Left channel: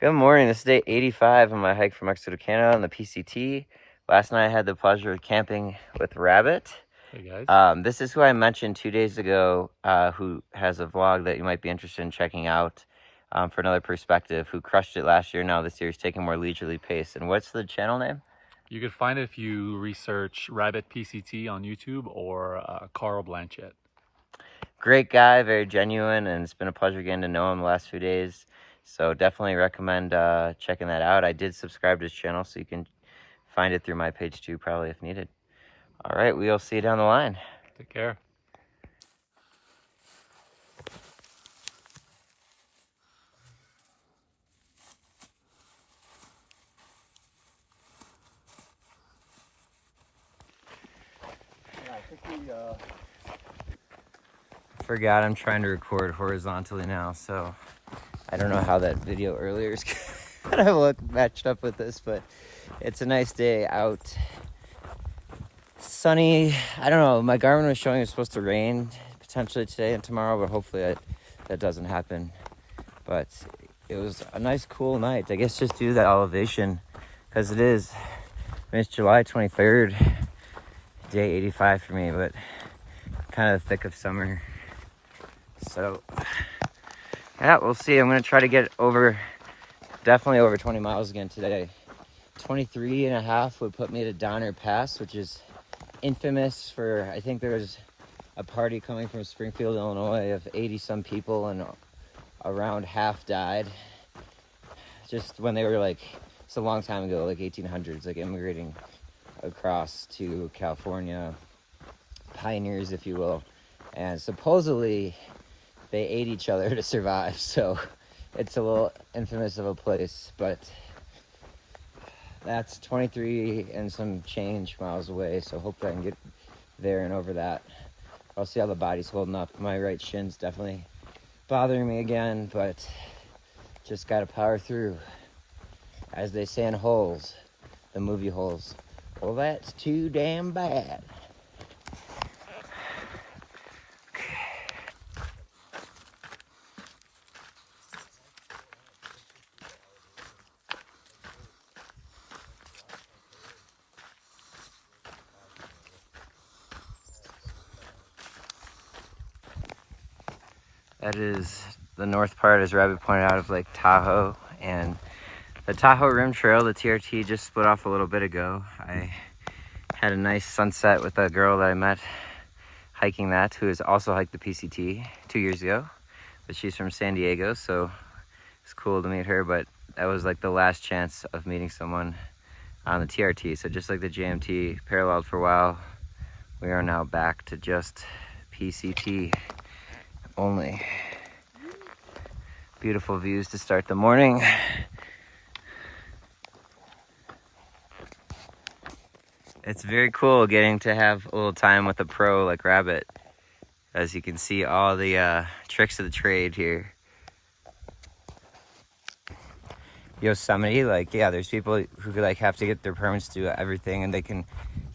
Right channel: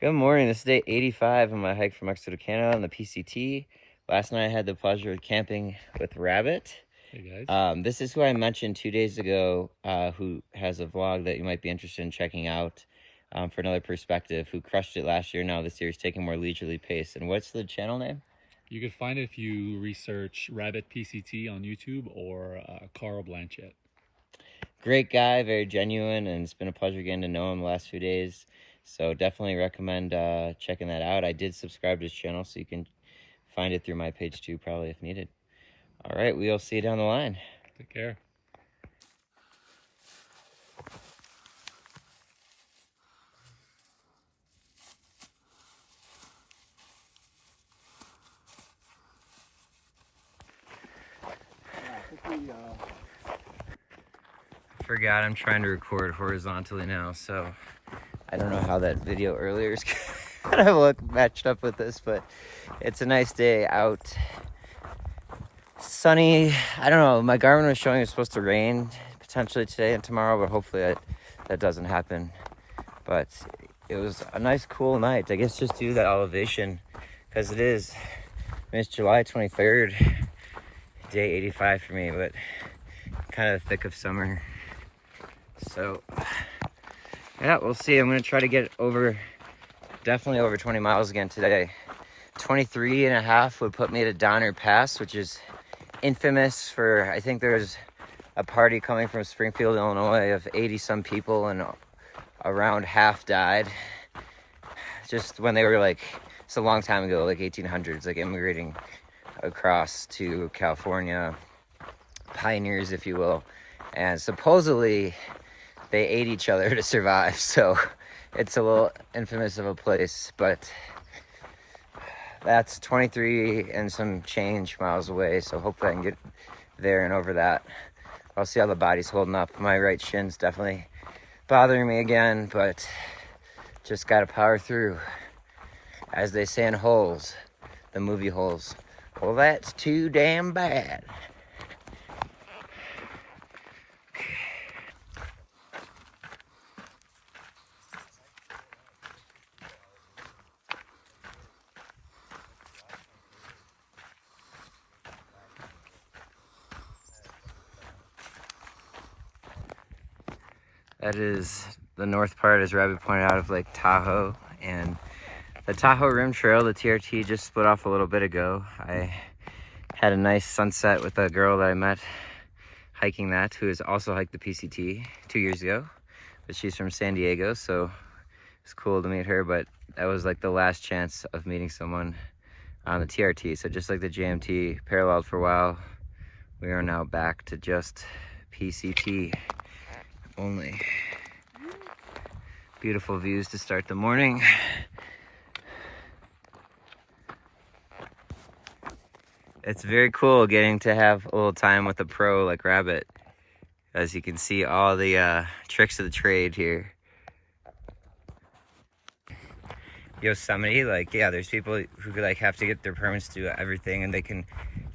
Good morning. This is day 85 on my hike from Mexico to Canada on the PCT. Last night I had the pleasure of camping with Rabbit. Hey guys. This is who I mentioned 2 days ago, who has a vlog that you might be interested in checking out for another perspective, who crushed it last year. Now this year he's taking a more leisurely pace. And what's the channel name? You can find it if you research Rabbit PCT on YouTube or Carl Blanchett. Great guy, very genuine, and it's been a pleasure getting to know him the last few days. So definitely recommend checking that out. I did subscribe to his channel, so you can find it through my page too, probably if needed. All right, we'll see you down the line. Take care. Forgot I'm trying to record horizontally now, so I don't know how that video earlier is gonna look matched up with this, but it's a nice day out. Sunny. I don't know, my Garmin was showing it's supposed to rain potentially today and tomorrow, but hopefully that doesn't happen. But it was a nice cool night, I guess, just due to that elevation, because it's July 23rd, day 85 for me, but kind of the thick of summer. So yeah, we'll see. I'm gonna try to get definitely over 20 miles again today. 23 and a half would put me at Donner Pass, which is infamous for, I think there's a party coming from Springfield, Illinois of 80 some people, and around half died just when they were like, it's a long time ago, like 1800s, like immigrating across to California, pioneers if you will, and supposedly they ate each other to survive. So it's a little infamous of a place, but that's 23 and some change miles away. So hopefully I can get there and over that. I'll see how the body's holding up. My right shin's definitely bothering me again, but just gotta power through. As they say in Holes, the movie Holes, well, that's too damn bad. That is the north part, as Rabbit pointed out, of Lake Tahoe. And the Tahoe Rim Trail, the TRT, just split off a little bit ago. I had a nice sunset with a girl that I met hiking that, who has also hiked the PCT 2 years ago. But she's from San Diego, so it's cool to meet her. But that was like the last chance of meeting someone on the TRT. So just like the JMT paralleled for a while, we are now back to just PCT only. Beautiful views to start the morning. It's very cool getting to have a little time with a pro like Rabbit, as you can see all the tricks of the trade here. Yosemite, like, yeah, there's people who like have to get their permits to do everything, and they can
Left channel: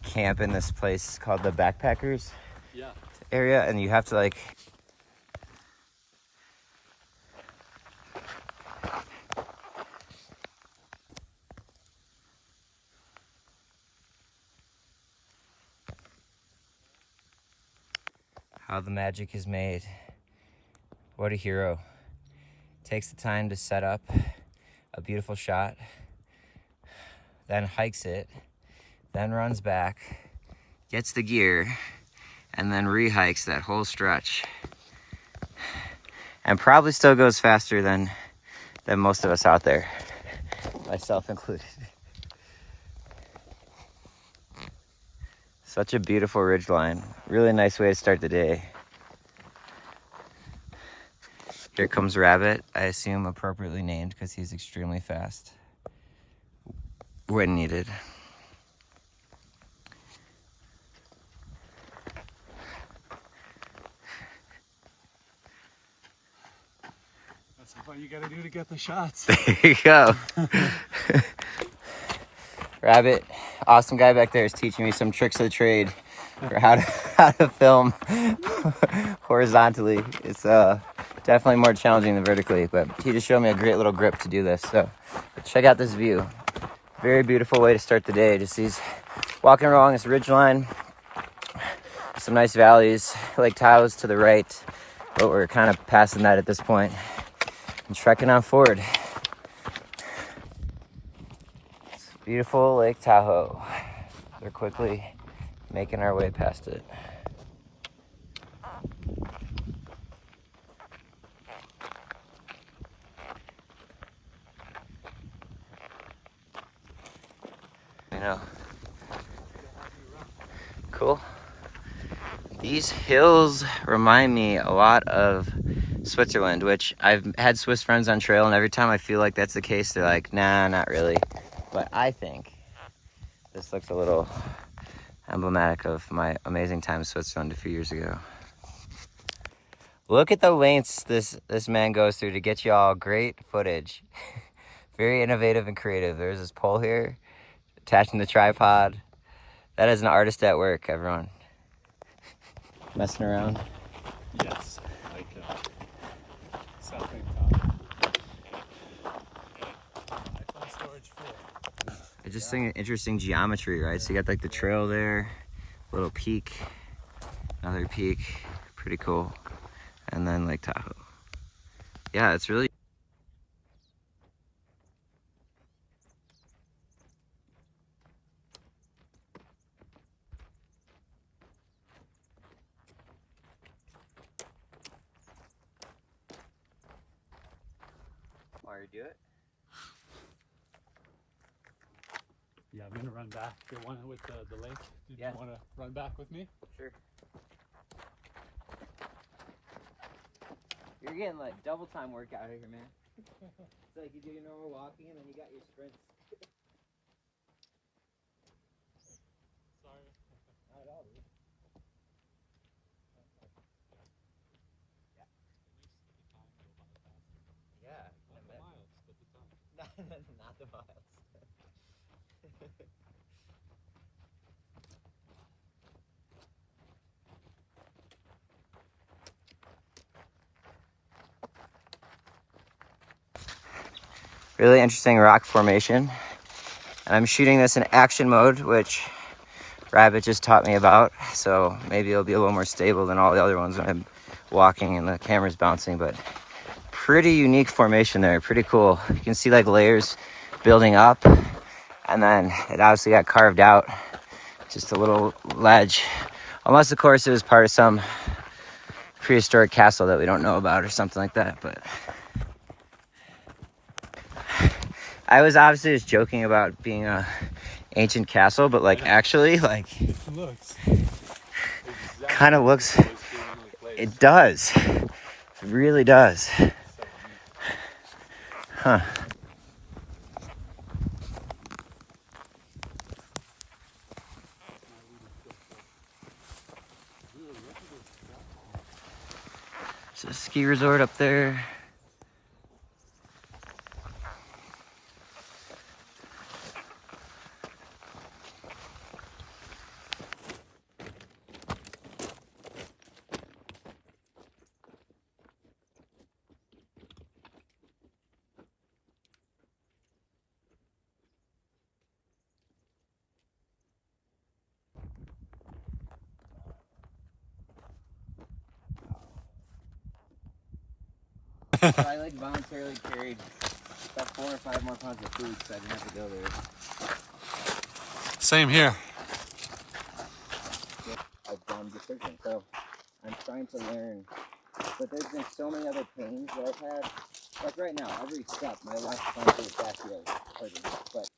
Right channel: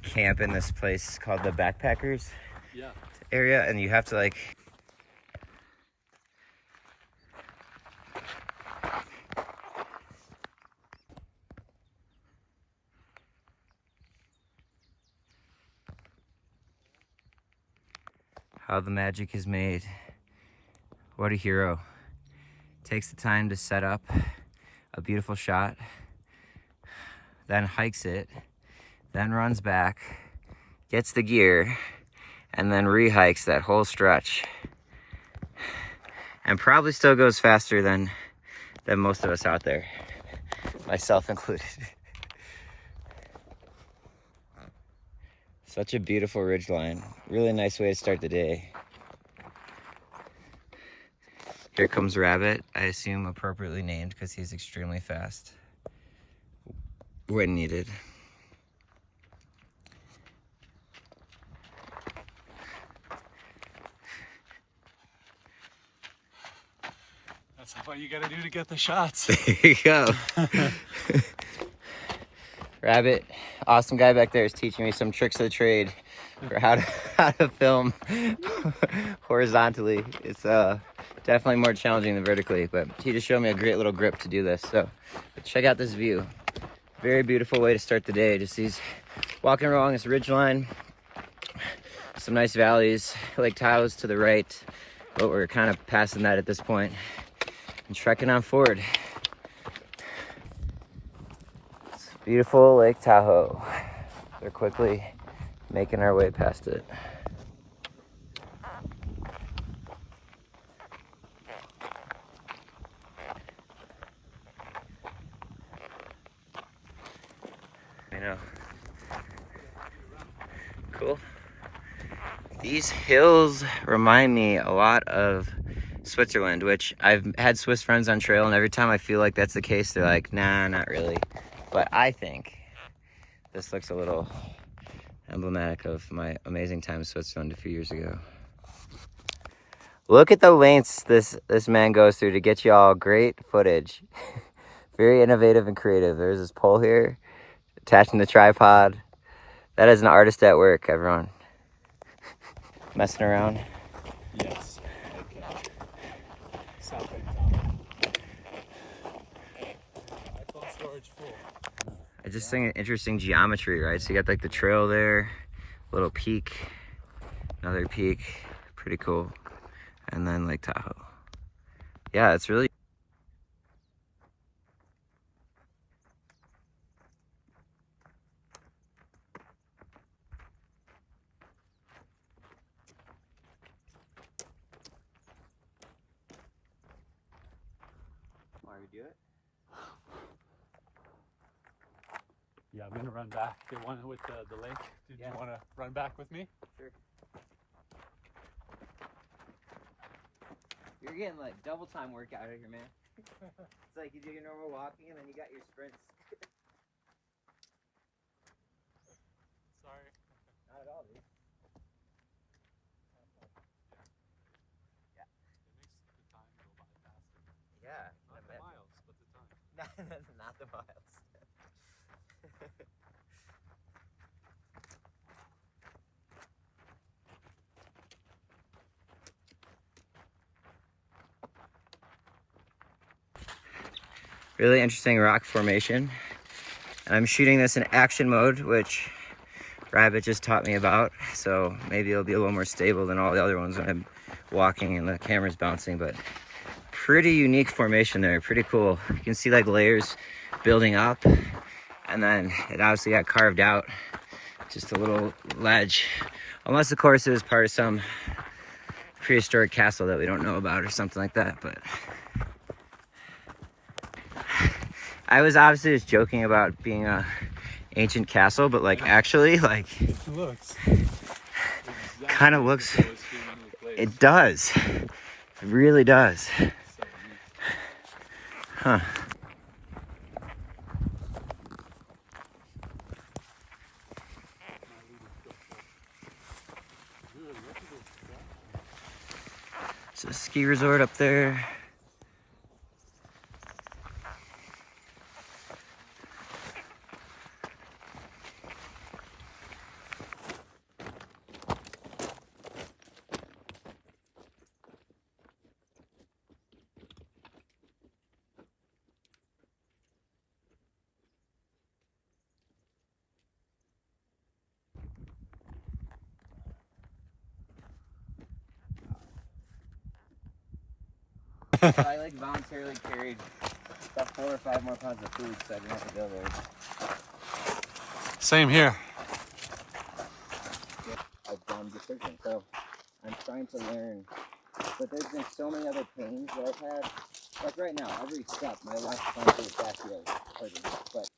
camp in this place called the Backpackers area, and you have to like how the magic is made. What a hero. Takes the time to set up a beautiful shot, then hikes it, then runs back, gets the gear, and then re-hikes that whole stretch. And probably still goes faster than most of us out there, myself included. Such a beautiful ridgeline. Really nice way to start the day. Here comes Rabbit, I assume appropriately named because he's extremely fast when needed. That's what you gotta do to get the shots. There you go. Rabbit, awesome guy back there, is teaching me some tricks of the trade for how to film horizontally. It's Definitely more challenging than vertically, but he just showed me a great little grip to do this. So but check out this view. Very beautiful way to start the day. Just these walking along this ridge line, some nice valleys, Lake Tahoe's to the right, but we're kind of passing that at this point and trekking on forward. It's beautiful Lake Tahoe. We're quickly making our way past it. I know. Cool. These hills remind me a lot of Switzerland, which I've had Swiss friends on trail, and every time I feel like that's the case, they're like, nah, not really. But I think this looks a little emblematic of my amazing time in Switzerland a few years ago. Look at the lengths this man goes through to get y'all great footage. Very innovative and creative. There's this pole here, attaching the tripod. That is an artist at work, everyone. Messing around. Yes, like South Lake iPhone storage full. I just think interesting geometry, right? So you got like the trail there, little peak, another peak, pretty cool. And then Lake Tahoe. Yeah, it's really do it? Yeah, I'm gonna run back. The one with the lake. Did you want to run back with me? Sure. You're getting like double time workout here, man. It's like you do your normal walking and then you got your sprints. Sorry. Not at all, dude. Yeah. Yeah. Not the miles, but the time. Not the miles. Really interesting rock formation. And I'm shooting this in action mode, which Rabbit just taught me about. So maybe it'll be a little more stable than all the other ones when I'm walking and the camera's bouncing, but pretty unique formation there, pretty cool. You can see like layers building up, and then it obviously got carved out, just a little ledge. Unless of course it was part of some prehistoric castle that we don't know about or something like that, but I was obviously just joking about being a ancient castle, but like actually like It looks kind of looks, it does, it really does. Huh. It's a ski resort up there. So I like voluntarily carried about 4 or 5 more pounds of food so I didn't have to go there. Same here. I've done decisions, so I'm trying to learn. But there's been so many other pains that I've had. Like right now, every step, my left front is back here hurting. But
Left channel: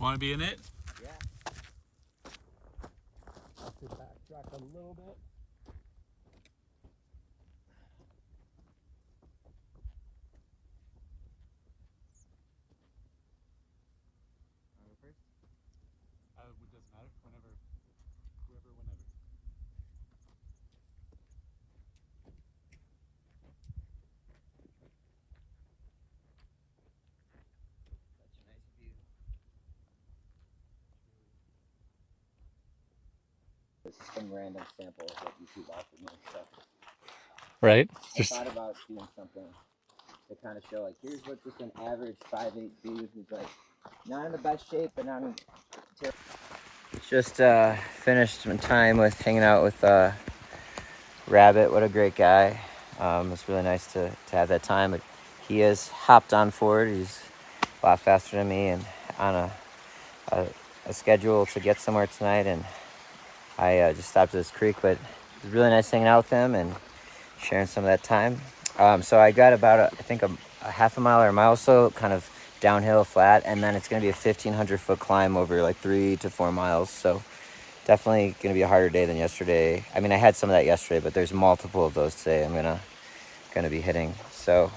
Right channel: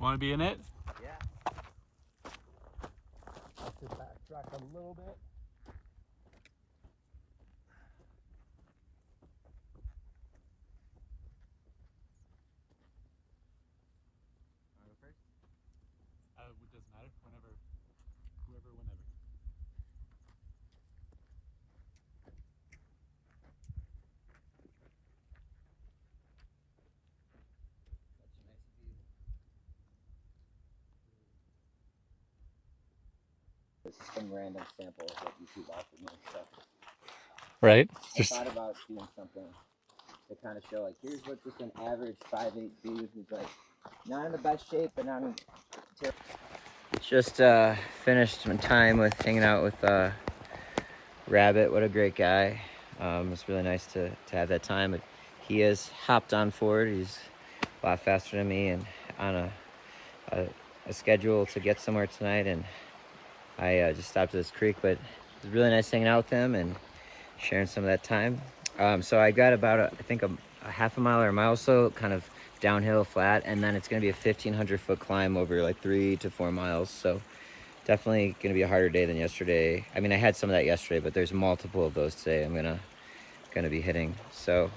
Want to be in it? yeah. I'll have to backtrack a little bit. It doesn't matter. Whenever. Such a nice view. This is some random sample that YouTube offered me. So Right? I thought about doing something to kind of show, like, here's what just an average 5'8" dude who's like not in the best shape, but not in terrible. Just finished some time with hanging out with Rabbit. What a great guy. It's really nice to have that time. But he has hopped on forward. He's a lot faster than me and on a schedule to get somewhere tonight. And I just stopped at this creek, but it was really nice hanging out with him and sharing some of that time. So I got about, I think, a half a mile or a mile or so, kind of downhill flat, and then it's going to be a 1,500-foot climb over like 3 to 4 miles. So definitely going to be a harder day than yesterday. I mean, I had some of that yesterday, but there's multiple of those today I'm gonna be hitting. So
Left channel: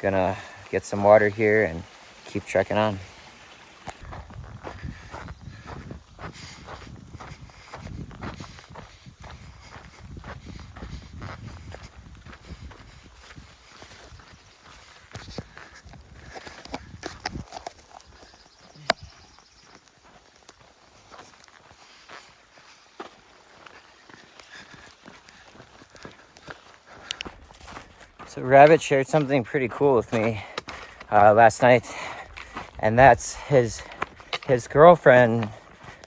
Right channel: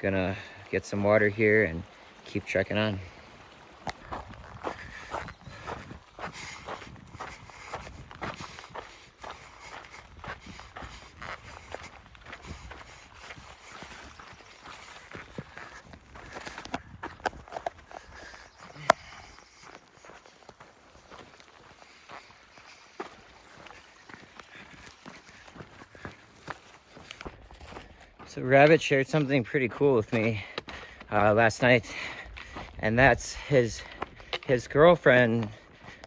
gonna get some water here and keep trekking on. So Rabbit shared something pretty cool with me last night, and that's his girlfriend,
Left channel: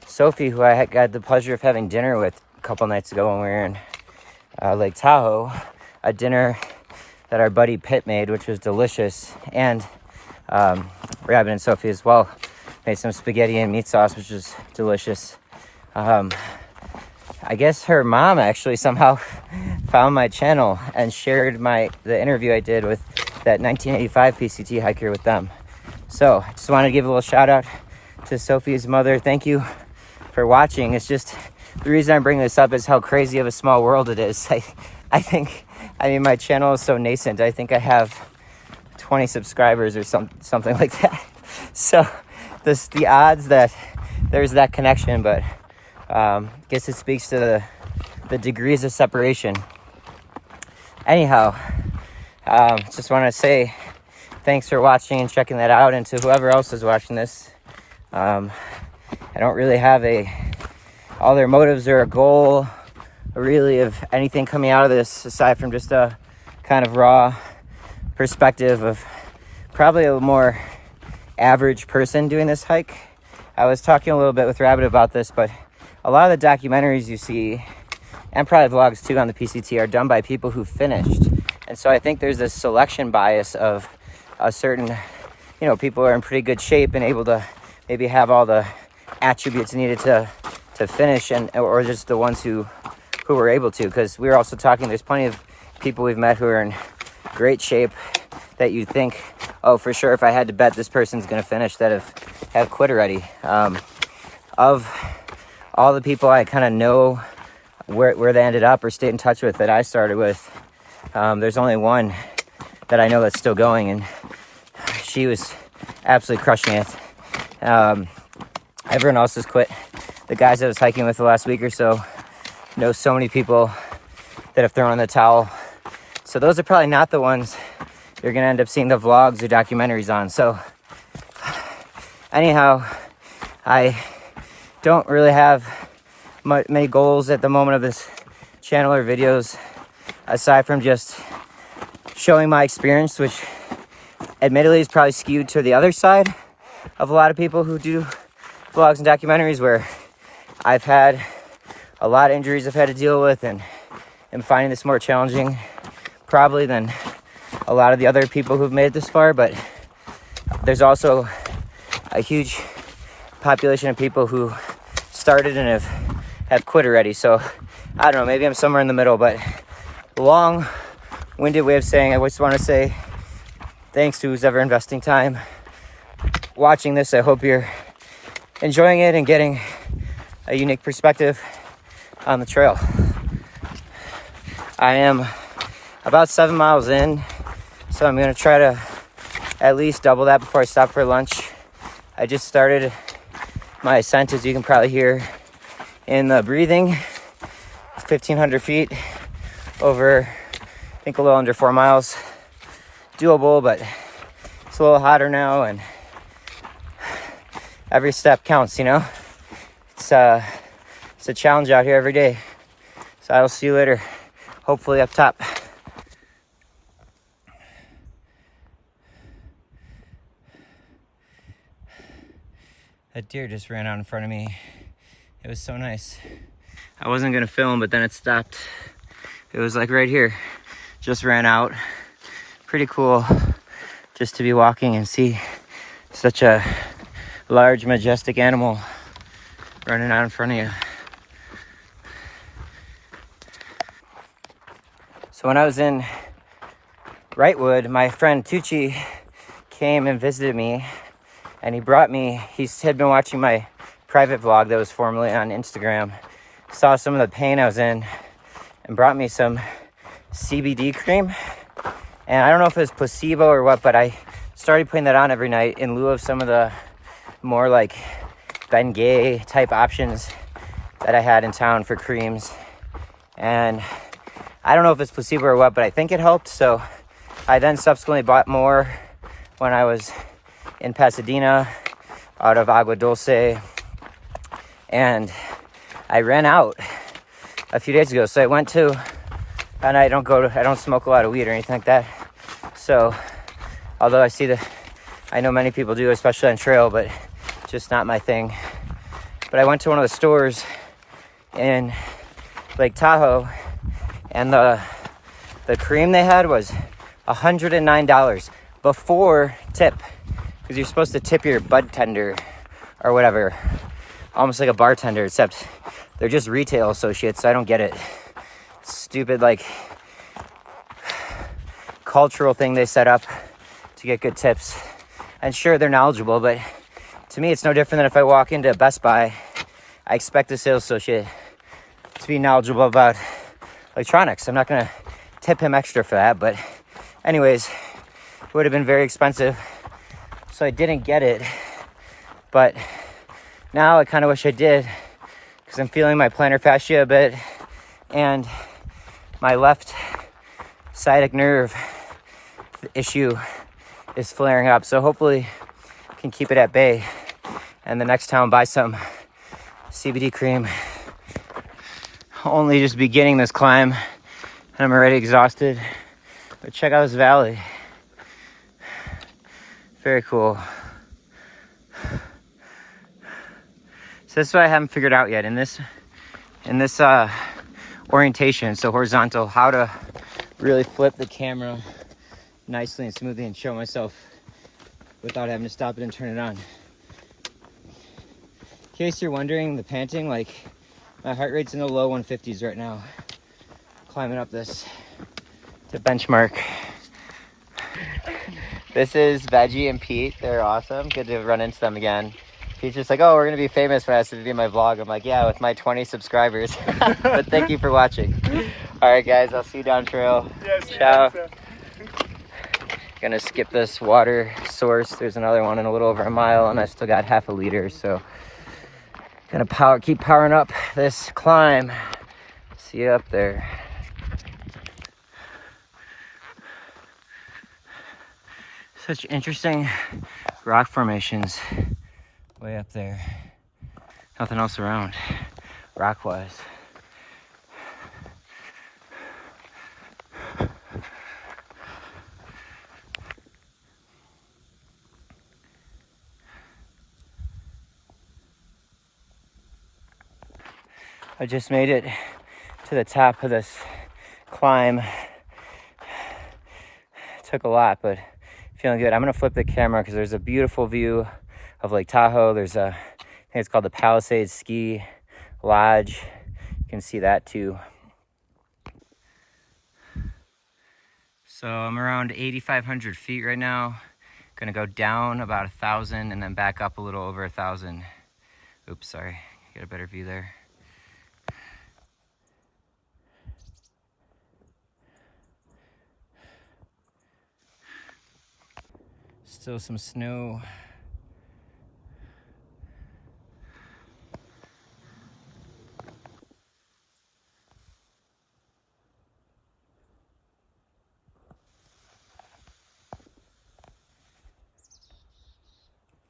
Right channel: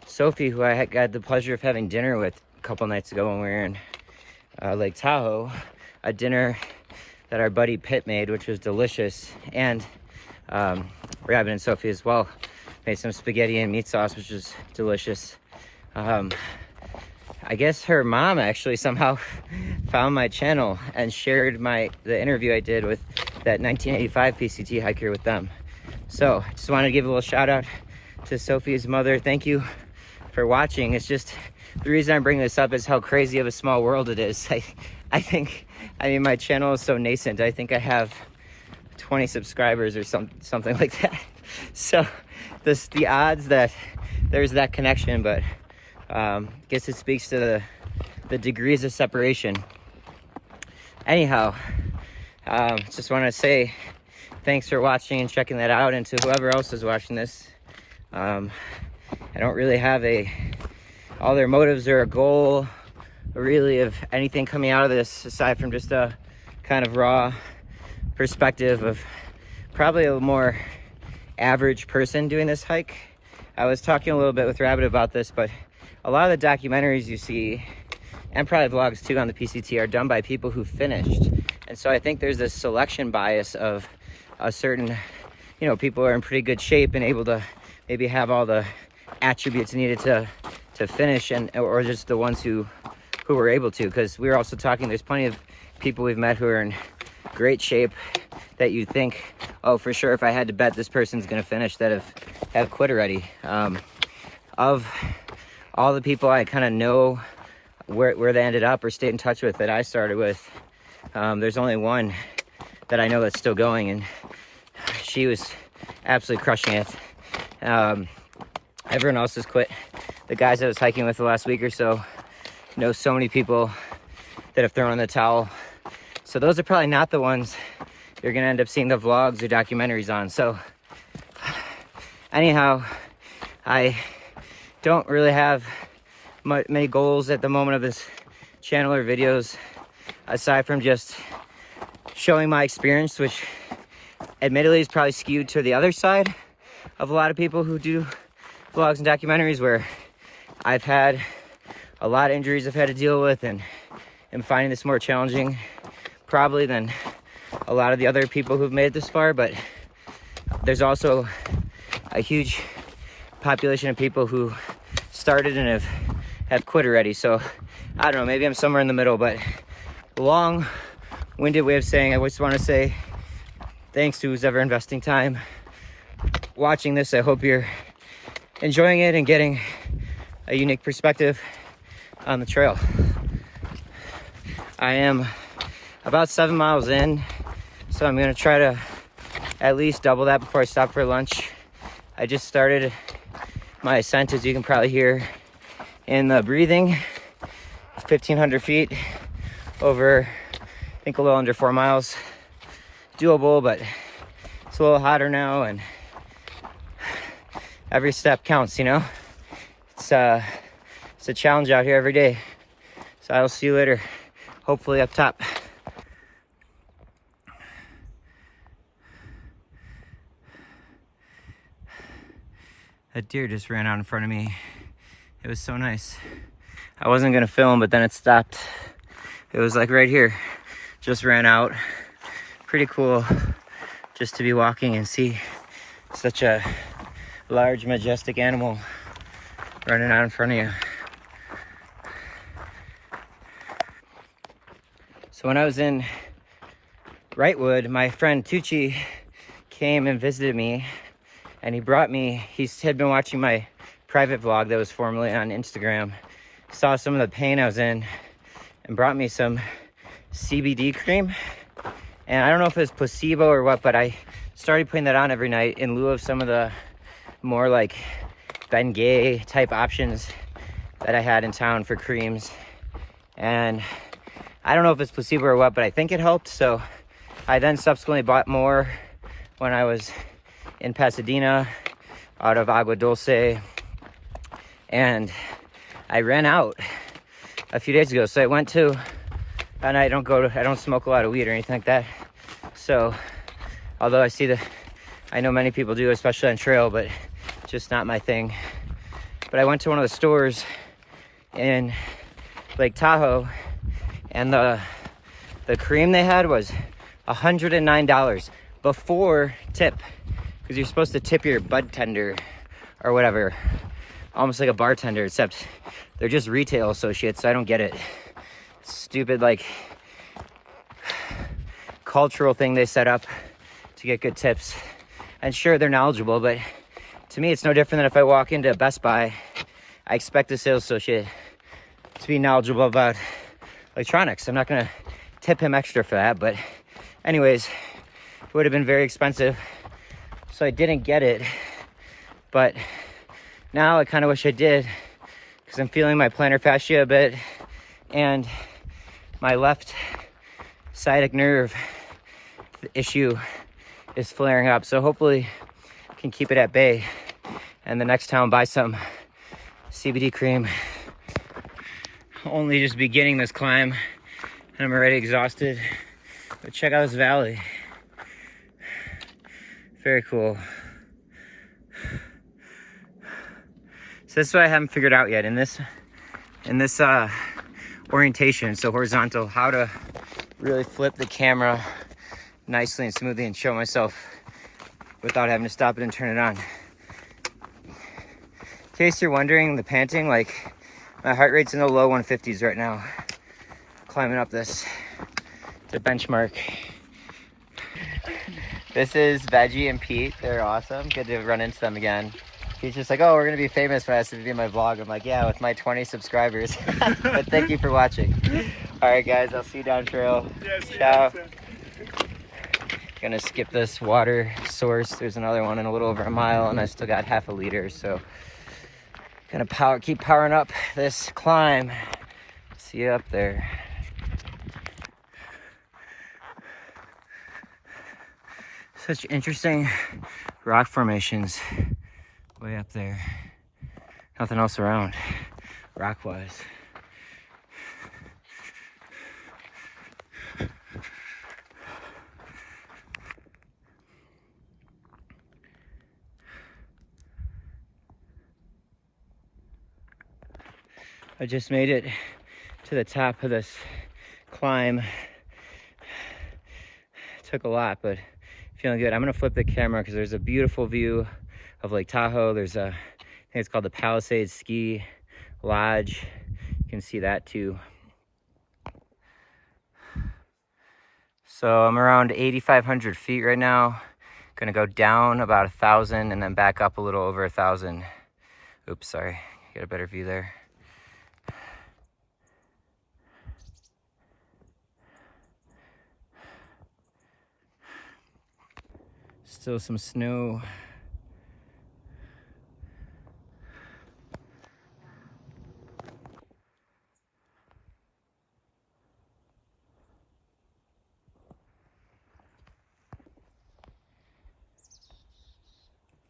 Sophie, who I got the pleasure of having dinner with a couple nights ago when we were in Lake Tahoe, a dinner that our buddy Pitt made, which was delicious, and Rabbit and Sophie as well made some spaghetti and meat sauce, which was delicious. I guess her mom actually somehow found my channel and shared the interview I did with that 1985 PCT hiker with them. So I just wanted to give a little shout out to Sophie's mother. Thank you for watching. It's just, the reason I'm bringing this up is how crazy of a small world it is. I mean, my channel is so nascent. I think I have 20 subscribers or something like that. So the odds that there's that connection, but guess it speaks to the degrees of separation. Anyhow, just want to say thanks for watching and checking that out, and to whoever else is watching this. I don't really have all their motives or a goal really of anything coming out of this aside from just a kind of raw perspective of probably a more average person doing this hike. I was talking a little bit with Rabbit about this, but a lot of the documentaries you see, and probably vlogs too on the PCT, are done by people who finished. And so I think there's this selection bias of a certain, people are in pretty good shape and able to maybe have all the attributes needed to finish, or just the ones who were able to. Because we were also talking, there's plenty of people we've met who are in great shape that you think, oh, for sure, if I had to bet, this person's going to finish, that have quit already. Of all the people I kind of know where they ended up or stayed in touch with that I started with, there's only one that I know that's still going, and she was absolutely crushing it. Everyone else has quit. The guys I was hiking with the last week or so know so many people that have thrown in the towel. So those are probably not the ones you're going to end up seeing the vlogs or documentaries on. So anyhow, I don't really have many goals at the moment of this channel or videos, aside from just showing my experience, which admittedly is probably skewed to the other side of a lot of people who do vlogs and documentaries, where I've had a lot of injuries I've had to deal with, and am finding this more challenging probably than a lot of the other people who've made it this far. But there's also a huge population of people who started and have quit already. So I don't know, maybe I'm somewhere in the middle, but long-winded way of saying, I just want to say thanks to who's ever investing time watching this. I hope you're enjoying it and getting a unique perspective on the trail. I am about 7 miles in, so I'm going to try to at least double that before I stop for lunch. I just started my ascent, as you can probably hear in the breathing. 1,500 feet over, I think, a little under 4 miles. Doable, but it's a little hotter now, and every step counts, It's a challenge out here every day. So I will see you later, hopefully up top. That deer just ran out in front of me. It was so nice. I wasn't gonna film, but then it stopped. It was like right here, just ran out. Pretty cool just to be walking and see such a large, majestic animal running out in front of you. So when I was in Wrightwood, my friend Tucci came and visited me, and he brought me, he had been watching my private vlog that was formerly on Instagram, saw some of the pain I was in, and brought me some CBD cream. And I don't know if it was placebo or what, but I started putting that on every night in lieu of some of the more like Bengay type options that I had in town for creams. And I don't know if it's placebo or what, but I think it helped. So I then subsequently bought more when I was in Pasadena out of Agua Dulce. And I ran out a few days ago. So I went to, and I don't smoke a lot of weed or anything like that. So although I know many people do, especially on trail, but just not my thing. But I went to one of the stores in Lake Tahoe, and the cream they had was $109 before tip, because you're supposed to tip your bud tender or whatever, almost like a bartender, except they're just retail associates. So I don't get it. Stupid like cultural thing they set up to get good tips. And sure, they're knowledgeable, but to me it's no different than if I walk into Best Buy. I expect the sales associate to be knowledgeable about electronics. I'm not gonna tip him extra for that, but anyways, it would have been very expensive, so I didn't get it. But now I kind of wish I did, because I'm feeling my plantar fascia a bit, and my left sciatic nerve issue is flaring up. So hopefully I can keep it at bay, and the next time buy some CBD cream. Only just beginning this climb, and I'm already exhausted. But check out this valley. Very cool. So this is what I haven't figured out yet in this orientation, so horizontal, how to really flip the camera nicely and smoothly and show myself without having to stop it and turn it on. In case you're wondering, the panting, like my heart rate's in the low 150s right now, climbing up the benchmark. This is Veggie and Pete. They're awesome. Good to run into them again. He's just like, oh, we're gonna be famous when I have to do my vlog. I'm like, yeah, with my 20 subscribers. But thank you for watching. All right, guys, I'll see you down trail. Ciao. Gonna skip this water source. There's another one in a little over a mile, and I still got half a liter, so gonna keep powering up this climb. See you up there. Such interesting rock formations way up there. Nothing else around, rock-wise. I just made it to the top of this climb. It took a lot, but feeling good. I'm gonna flip the camera because there's a beautiful view of Lake Tahoe. There's I think it's called the Palisades Ski Lodge. You can see that too. So I'm around 8,500 feet right now. Gonna go down about 1,000 and then back up a little over 1,000. Oops, sorry. Get a better view there. Still some snow.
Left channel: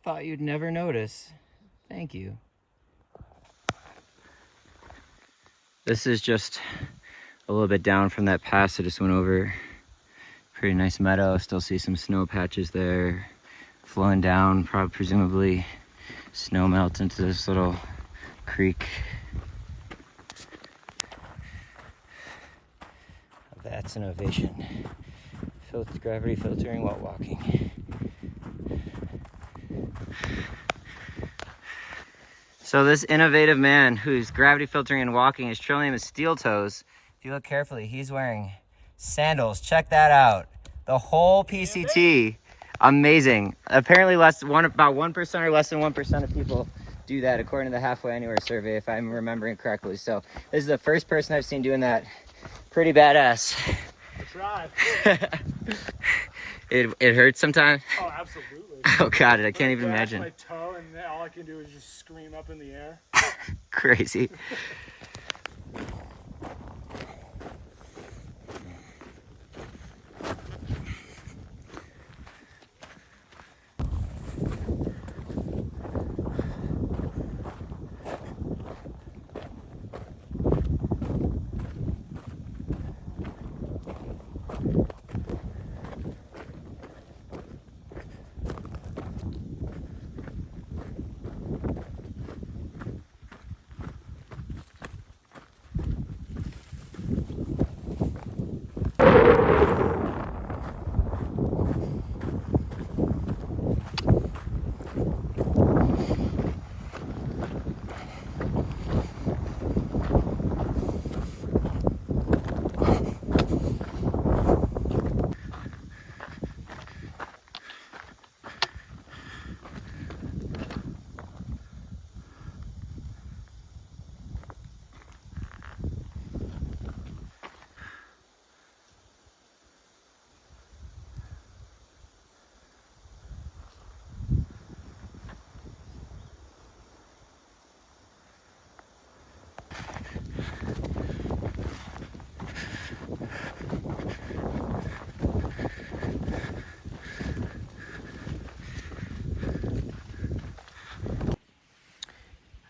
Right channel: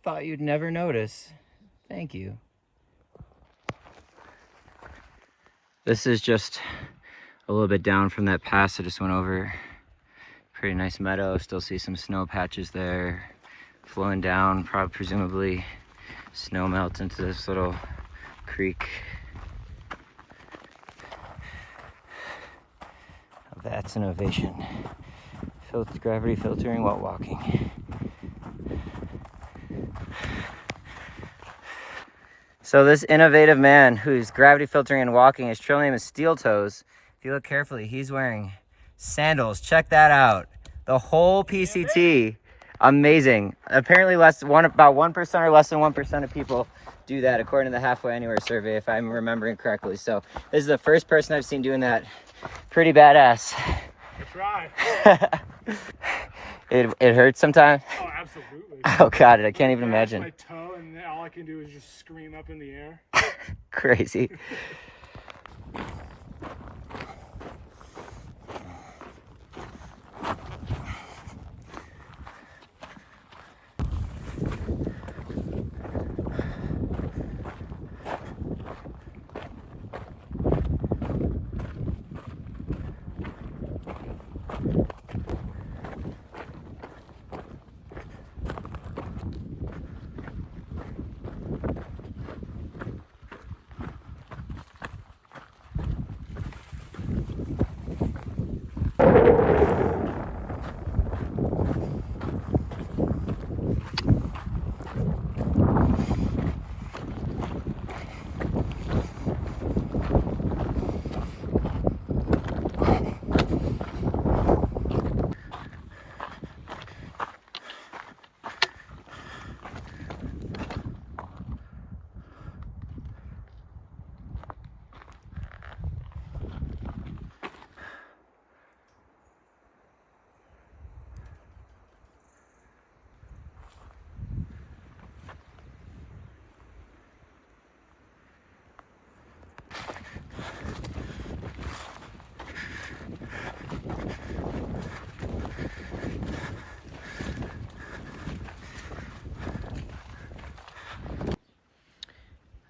Thought you'd never notice. Thank you. This is just a little bit down from that pass I just went over. Pretty nice meadow. Still see some snow patches there. Flowing down, probably presumably snow melts into this little creek. That's an ovation. Gravity filtering while walking. So this innovative man who's gravity filtering and walking, his trail name is Steel Toes. If you look carefully, he's wearing sandals. Check that out. The whole PCT. Amazing. Apparently about 1% or less than 1% of people do that according to the Halfway Anywhere survey, if I'm remembering correctly. So this is the first person I've seen doing that. Pretty badass. I tried. It hurts sometimes? Oh, absolutely. Oh God, I can't even imagine. My toe, and then all I can do is just scream up in the air. Crazy.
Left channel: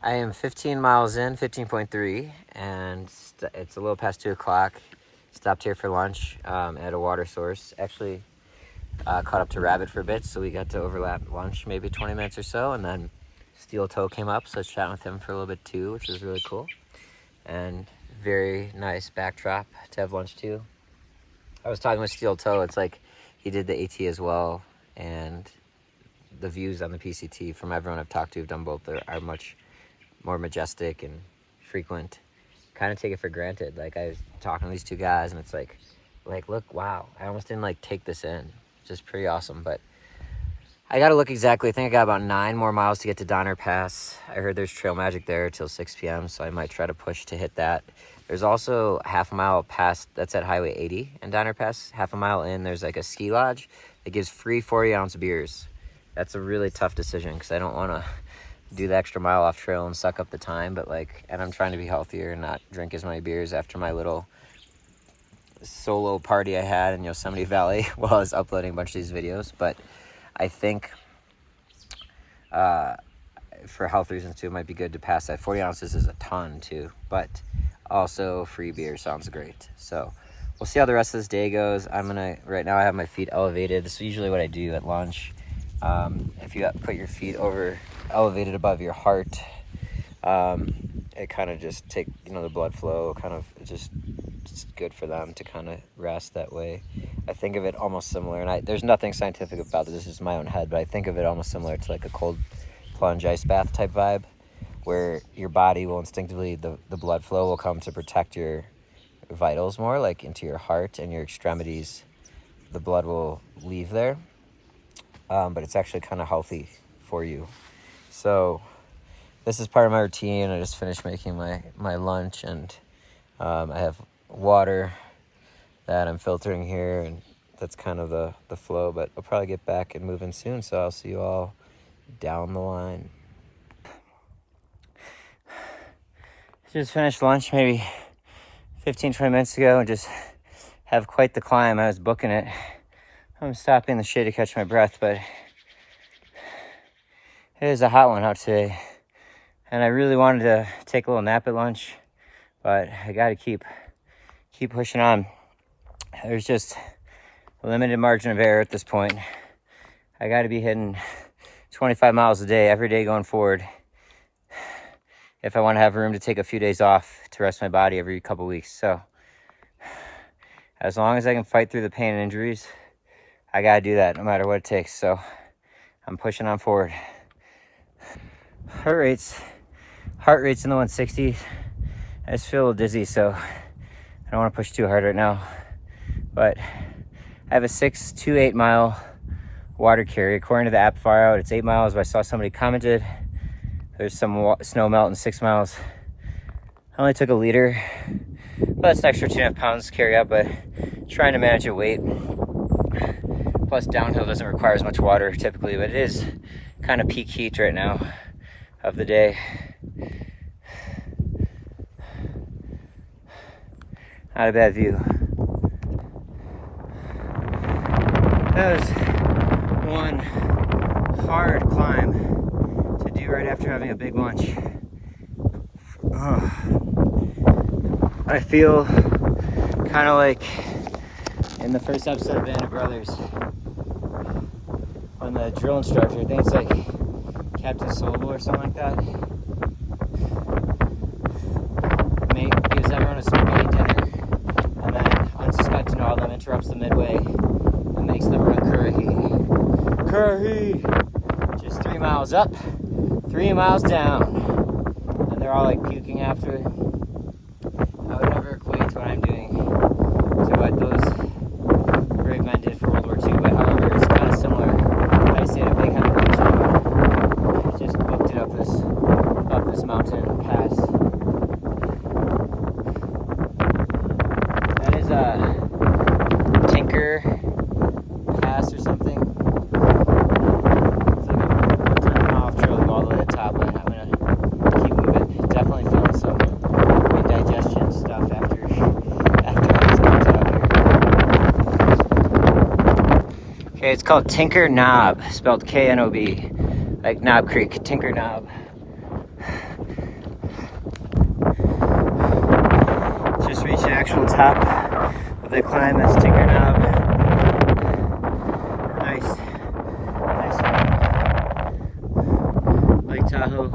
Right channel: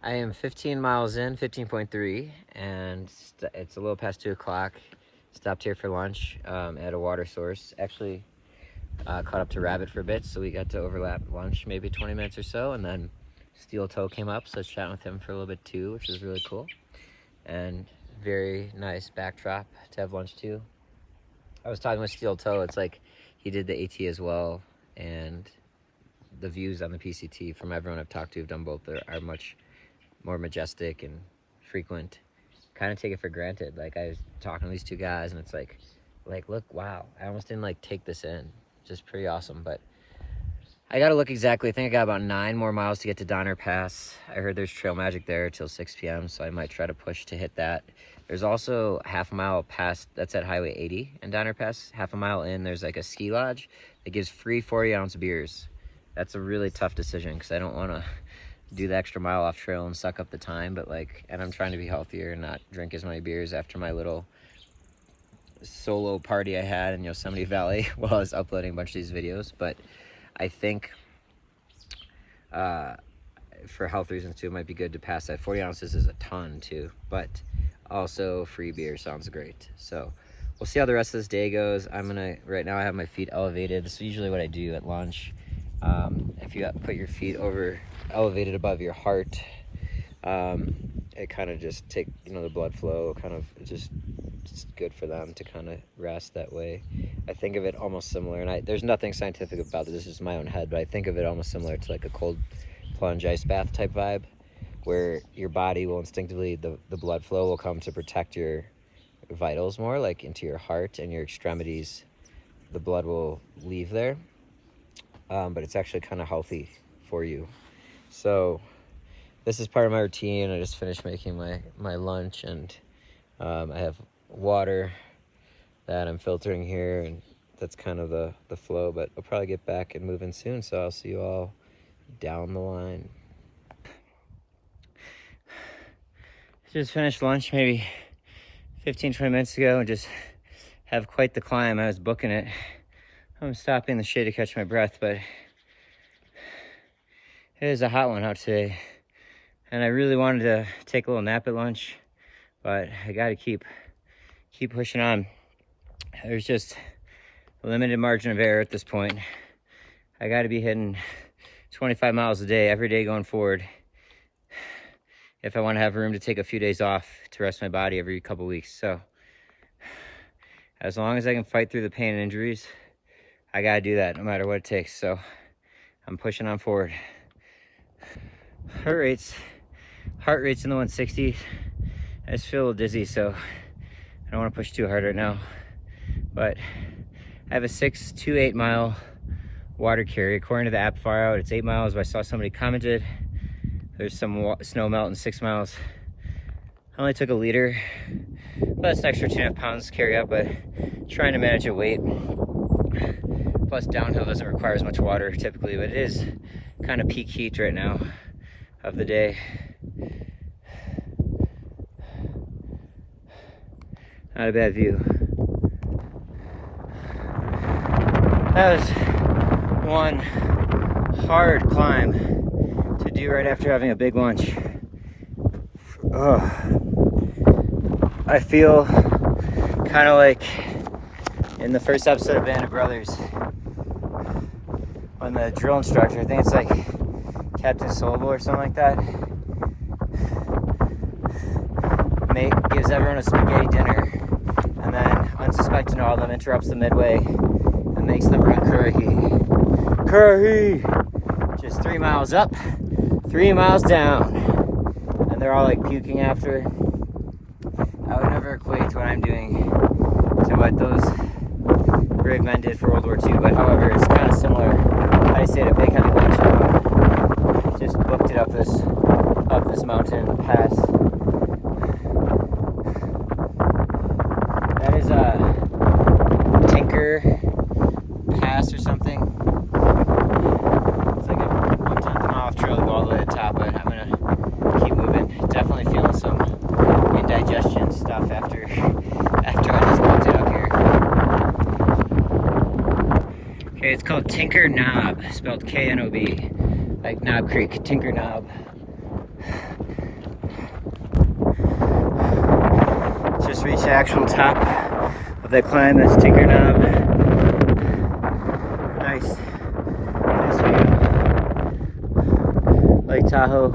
I am 15 miles in, 15.3, and it's a little past 2 o'clock. Stopped here for lunch at a water source. Actually, caught up to Rabbit for a bit, so we got to overlap lunch maybe 20 minutes or so, and then Steel Toe came up, so I was chatting with him for a little bit too, which was really cool. And very nice backdrop to have lunch too. I was talking with Steel Toe, it's like he did the AT as well, and the views on the PCT from everyone I've talked to who've done both are much more majestic and frequent. Kind of take it for granted. Like, I was talking to these two guys and it's like look, wow, I almost didn't like take this in. Just pretty awesome. But I gotta look exactly. I think I got about 9 more miles to get to Donner Pass. I heard there's trail magic there till 6 p.m. so I might try to push to hit that. There's also half a mile past, that's at Highway 80 in Donner Pass. Half a mile in, there's like a ski lodge that gives free 40-ounce beers. That's a really tough decision because I don't want to do the extra mile off trail and suck up the time, but and I'm trying to be healthier and not drink as many beers after my little solo party I had in Yosemite Valley while I was uploading a bunch of these videos. But I think for health reasons too, it might be good to pass that. 40 ounces is a ton too, but also free beer sounds great. So we'll see how the rest of this day goes. Right now I have my feet elevated. This is usually what I do at lunch. If you put your feet elevated above your heart, it kind of just take the blood flow, kind of it's good for them to kind of rest that way. I think of it almost similar, and there's nothing scientific about this is my own head, but I think of it almost similar to like a cold plunge ice bath type vibe, where your body will instinctively, the blood flow will come to protect your vitals more, like into your heart and your extremities. The blood will leave there. But it's actually kind of healthy for you. So this is part of my routine. I just finished making my lunch, and I have water that I'm filtering here, and that's kind of the flow, but I'll probably get back and move in soon, so I'll see you all down the line. Just finished lunch maybe 15-20 minutes ago and just have quite the climb. I was booking it. I'm stopping in the shade to catch my breath, but it is a hot one out today. And I really wanted to take a little nap at lunch, but I got to keep keep pushing on. There's just a limited margin of error at this point. I got to be hitting 25 miles a day every day going forward if I want to have room to take a few days off to rest my body every couple weeks. So as long as I can fight through the pain and injuries, I got to do that no matter what it takes. So I'm pushing on forward. Heart rate's in the 160s. I just feel a little dizzy, so I don't want to push too hard right now. But I have a 6 to 8 mile water carry. According to the app far out, it's 8 miles, but I saw somebody commented there's some snow melt in 6 miles. I only took a liter, but that's an extra 2.5 pounds to carry up, but trying to manage your weight. Plus downhill doesn't require as much water typically, but it is kind of peak heat right now of the day. Not a bad view. That was one hard climb to do right after having a big lunch. I feel kind of like in the first episode of Band of Brothers when the drill instructor, I think it's like Captain Solo or something like that, gives everyone a spaghetti dinner, and then unsuspecting all of them interrupts them midway and makes them run curry. Just 3 miles up, 3 miles down, and they're all like puking after. I would never equate what I'm doing to what those brave men did for World War II, but however, it's kind of similar. I stayed at Big Head Beach, just booked it up this mountain pass. That is a Tinker Pass or something. It's like a 10 mile trail to go all the way to the top, but I'm gonna keep moving. Definitely feeling some indigestion stuff after all this mountain up here. Okay, it's called Tinker Knob, spelled K-N-O-B, like Knob Creek, Tinker Knob. Just reached the actual top of the climb, this Tinker Knob. Nice. Lake Tahoe,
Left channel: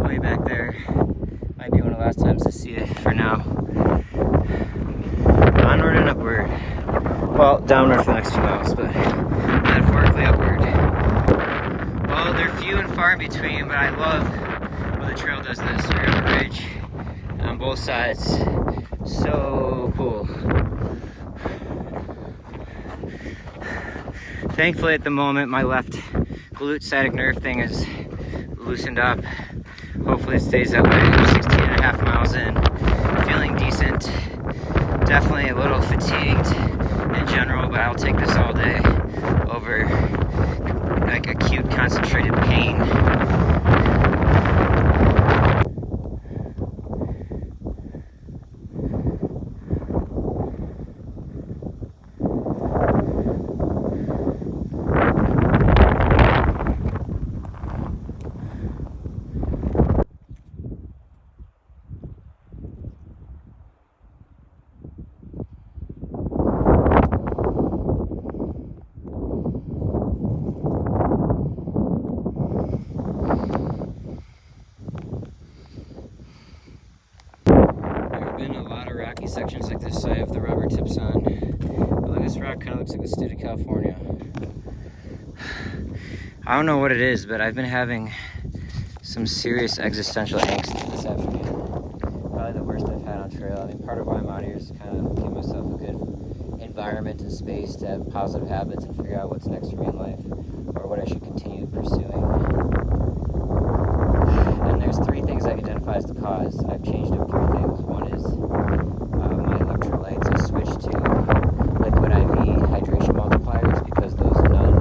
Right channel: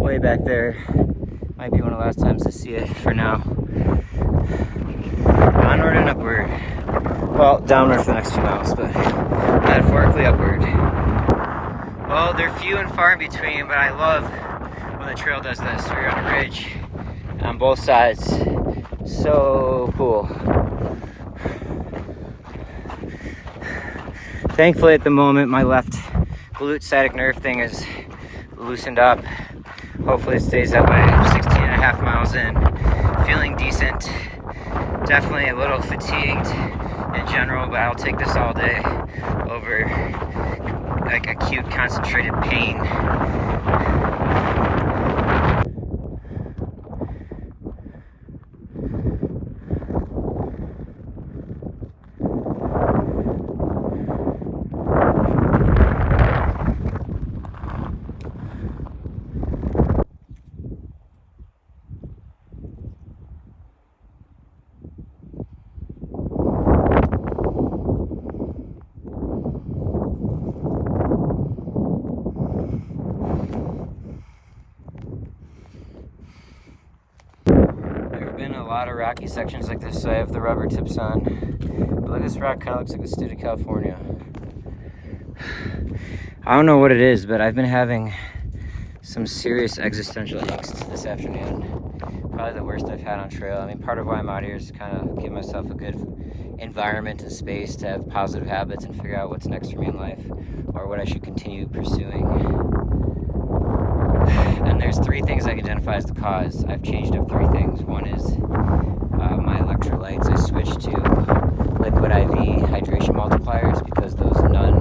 way back there. Might be one of the last times to see it for now. Onward and upward. Well, downward for the next 2 miles, but metaphorically upward. Well, they're few and far in between, but I love when the trail does this. We're on a ridge on both sides. So cool. Thankfully, at the moment, my left glute sciatic nerve thing is loosened up. Hopefully, it stays that way. I'm 16.5 miles in. Feeling decent. Definitely a little fatigued in general, but I'll take this all day over like acute concentrated pain. Been a lot of rocky sections like this, so I have the rubber tips on. But look, this rock kind of looks like the state of California. I don't know what it is, but I've been having some serious existential angst this afternoon. Probably the worst I've had on trail. I mean, part of why I'm out here is to kind of give myself a good environment and space to have positive habits and figure out what's next for me in life or what I should continue pursuing. And there's 3 things I can identify as the cause. I've changed up 3 things. One is my electrolytes. I switched to liquid IV hydration multipliers because those none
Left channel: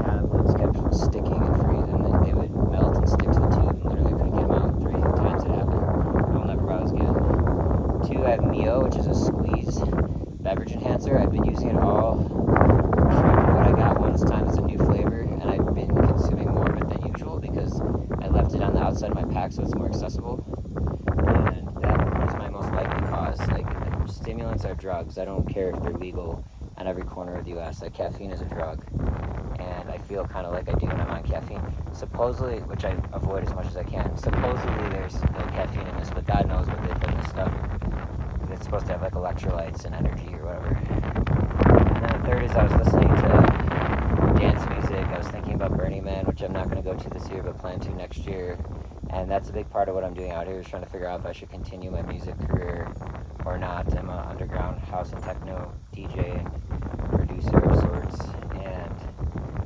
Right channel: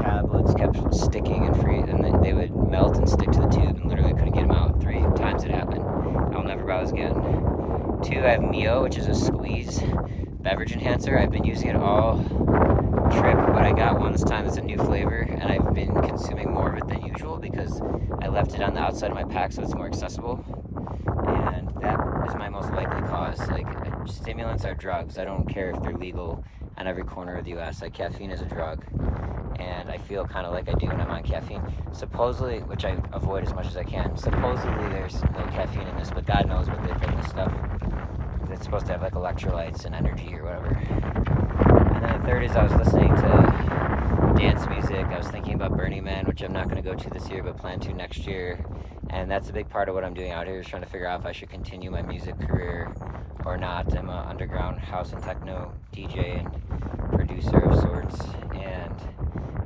tablets kept sticking and freeze, and they would melt and stick to the tube, and literally couldn't get them out. 3 times it happened. I'll never buy those again. 2, I have Mio, which is a squeeze beverage enhancer. I've been using it all trip, but I got one this time. It's a new flavor, and I've been consuming more of it than usual because I left it on the outside of my pack so it's more accessible, and that is my most likely cause. Like, stimulants are drugs. I don't care if they're legal on every corner of the US. Like, caffeine is a drug. And I feel kind of like I do when I'm on caffeine. Supposedly, which I avoid as much as I can, supposedly there's no caffeine in this, but God knows what they put in this stuff. It's supposed to have like electrolytes and energy or whatever. And then the third is I was listening to dance music. I was thinking about Burning Man, which I'm not going to go to this year, but plan to next year. And that's a big part of what I'm doing out here, is trying to figure out if I should continue my music career or not. I'm an underground house and techno DJ and producer of sorts, and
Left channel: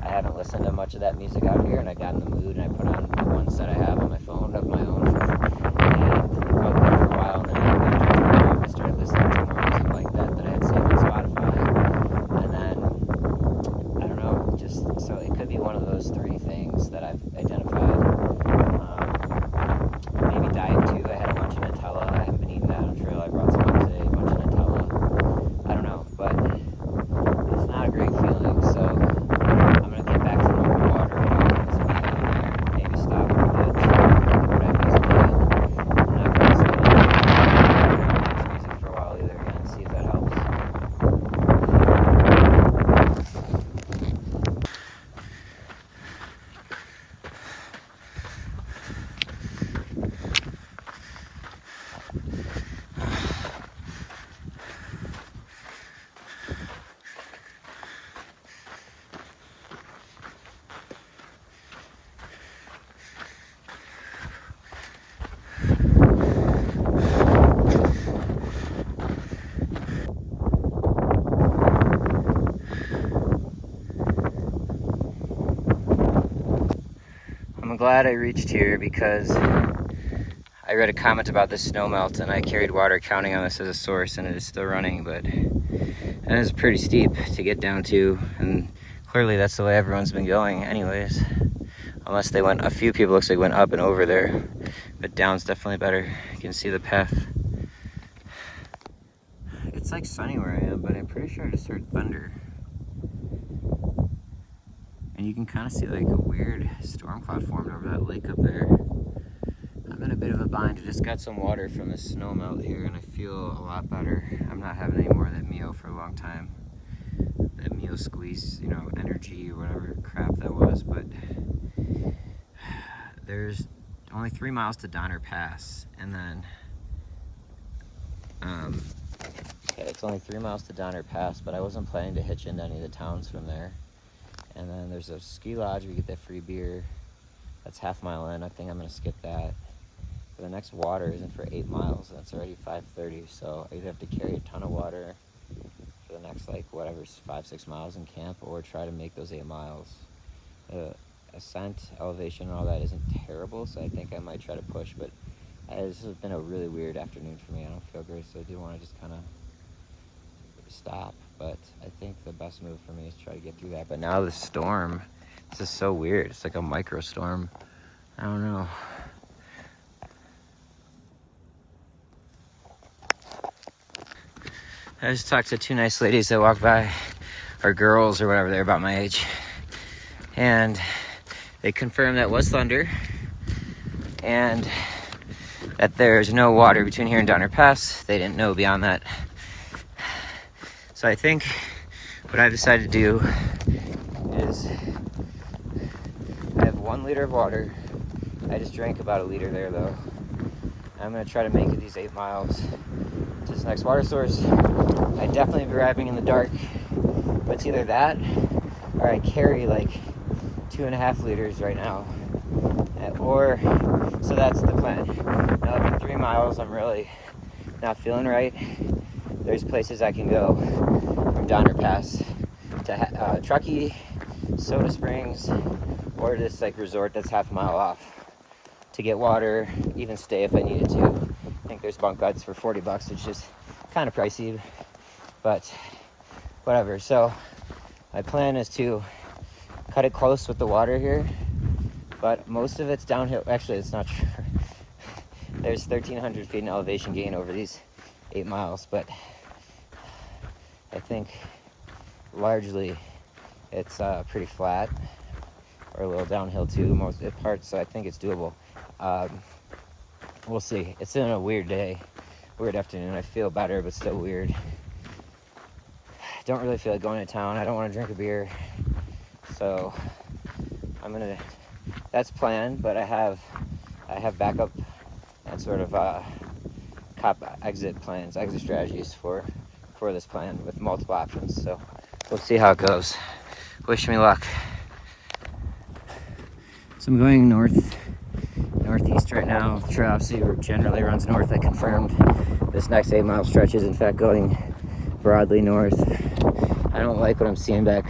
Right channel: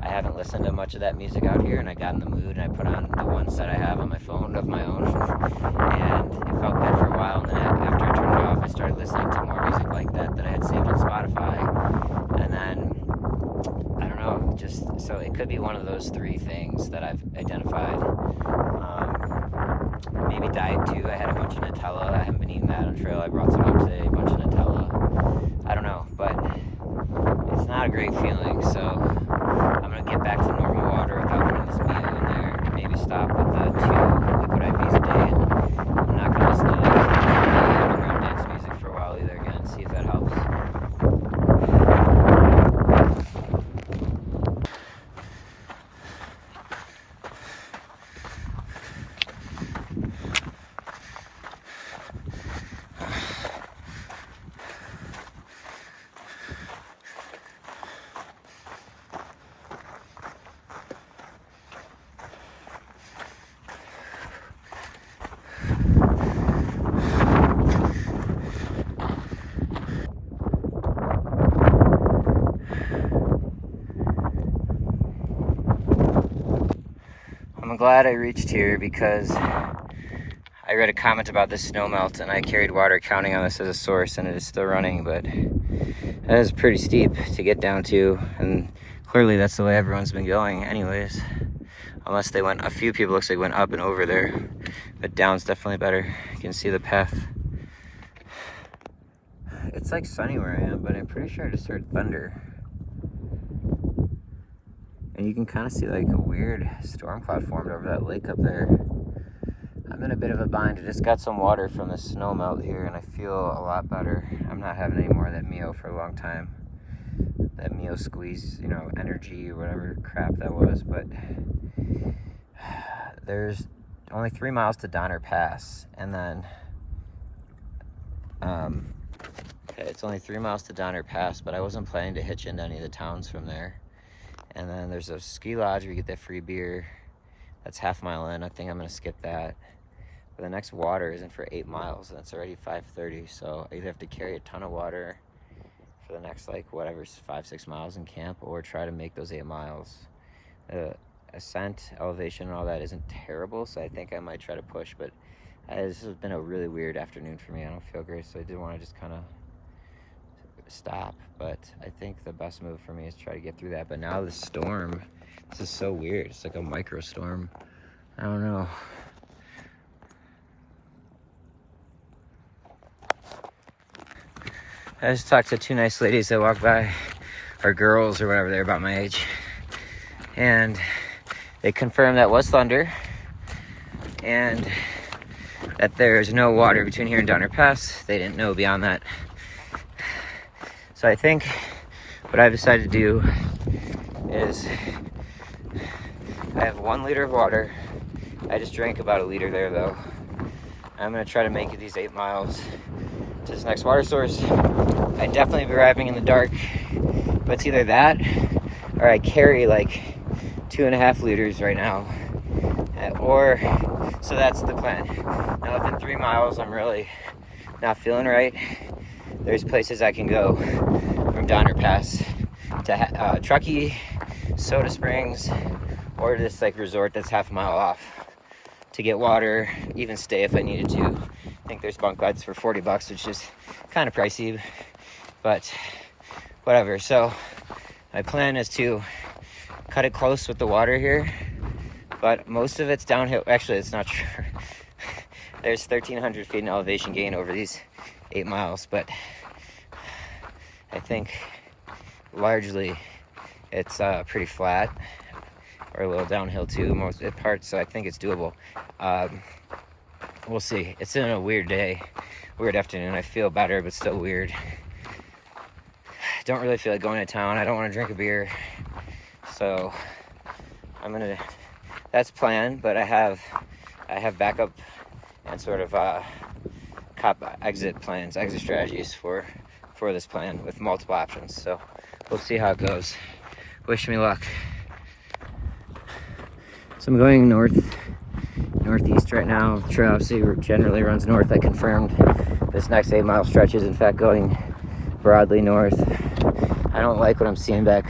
I haven't listened to much of that music out here, and I got in the mood and I put on the one set I have on my phone of my own, and it felt good for a while. And then after I turned it off, I started listening to more music like that I had saved on Spotify. And then, I don't know, just, so it could be one of those three things that I've identified. Maybe diet too. I had a bunch of Nutella. I haven't been eating that on trail. I brought some up today, a bunch of Nutella. I don't know, but it's not a great feeling, so I'm going to get back to normal water without this meal in there. Maybe stop with the liquid IVs a day. I'm not going to listen to dance music for a while either again, see if that helps. I'm glad I reached here because I read a comment about the snow melt and I carried water counting on this as a source, and it is still running, but it is pretty steep to get down to, and clearly that's the way everyone's been going anyways, unless they went, a few people looks like went up and over there, but down's definitely better. You can see the path. It's like sunny where I am, but I'm pretty sure I just heard thunder. And you can kind of see like a weird storm cloud formed over that lake up there. I'm in a bit of a bind. I just got some water from the snow melt here and I feel a lot better. I'm not having any more of that Mio for a long time. That Mio squeeze, you know, energy or whatever crap that was. But there's only 3 miles to Donner Pass. And then it's only 3 miles to Donner Pass, but I wasn't planning to hitch into any of the towns from there. And then there's a ski lodge where you get that free beer. That's half-mile in. I think I'm going to skip that. But the next water isn't for 8 miles. That's already 5:30. So I either have to carry a ton of water for the next, like, whatever, 5-6 miles in camp, or try to make those 8 miles. Ascent, elevation, and all that isn't terrible, so I think I might try to push. But this has been a really weird afternoon for me. I don't feel great, so I do want to just kind of stop, but I think the best move for me is try to get through that. But now the storm, this is so weird. It's like a micro storm. I don't know. I just talked to 2 nice ladies that walked by, or girls or whatever, they're about my age, and they confirmed that was thunder and that there's no water between here and Donner Pass. They didn't know beyond that. So I think what I've decided to do is I have 1 liter of water. I just drank about a liter there though. I'm gonna try to make it these 8 miles to this next water source. I'd definitely be arriving in the dark, but it's either that or I carry like 2.5 liters right now. Or, so that's the plan. Now if in 3 miles I'm really not feeling right, there's places I can go from Donner Pass to Truckee, Soda Springs, or this like resort that's half a mile off to get water, even stay if I needed to. I think there's bunk beds for $40, which is kind of pricey, but whatever. So my plan is to cut it close with the water here, but most of it's downhill. Actually, it's not true. There's 1,300 feet in elevation gain over these 8 miles, but I think largely it's pretty flat, or a little downhill too, most parts, so I think it's doable. We'll see. It's been a weird day. weird afternoon. I feel better, but still weird. I don't really feel like going to town. I don't want to drink a beer. So that's planned, but I have backup and sort of exit strategies for this plan with multiple options. So we'll see how it goes. Wish me luck. So I'm going northeast right now. Trail obviously generally runs north. I confirmed this next 8-mile stretch is in fact going broadly north. I don't like what I'm seeing back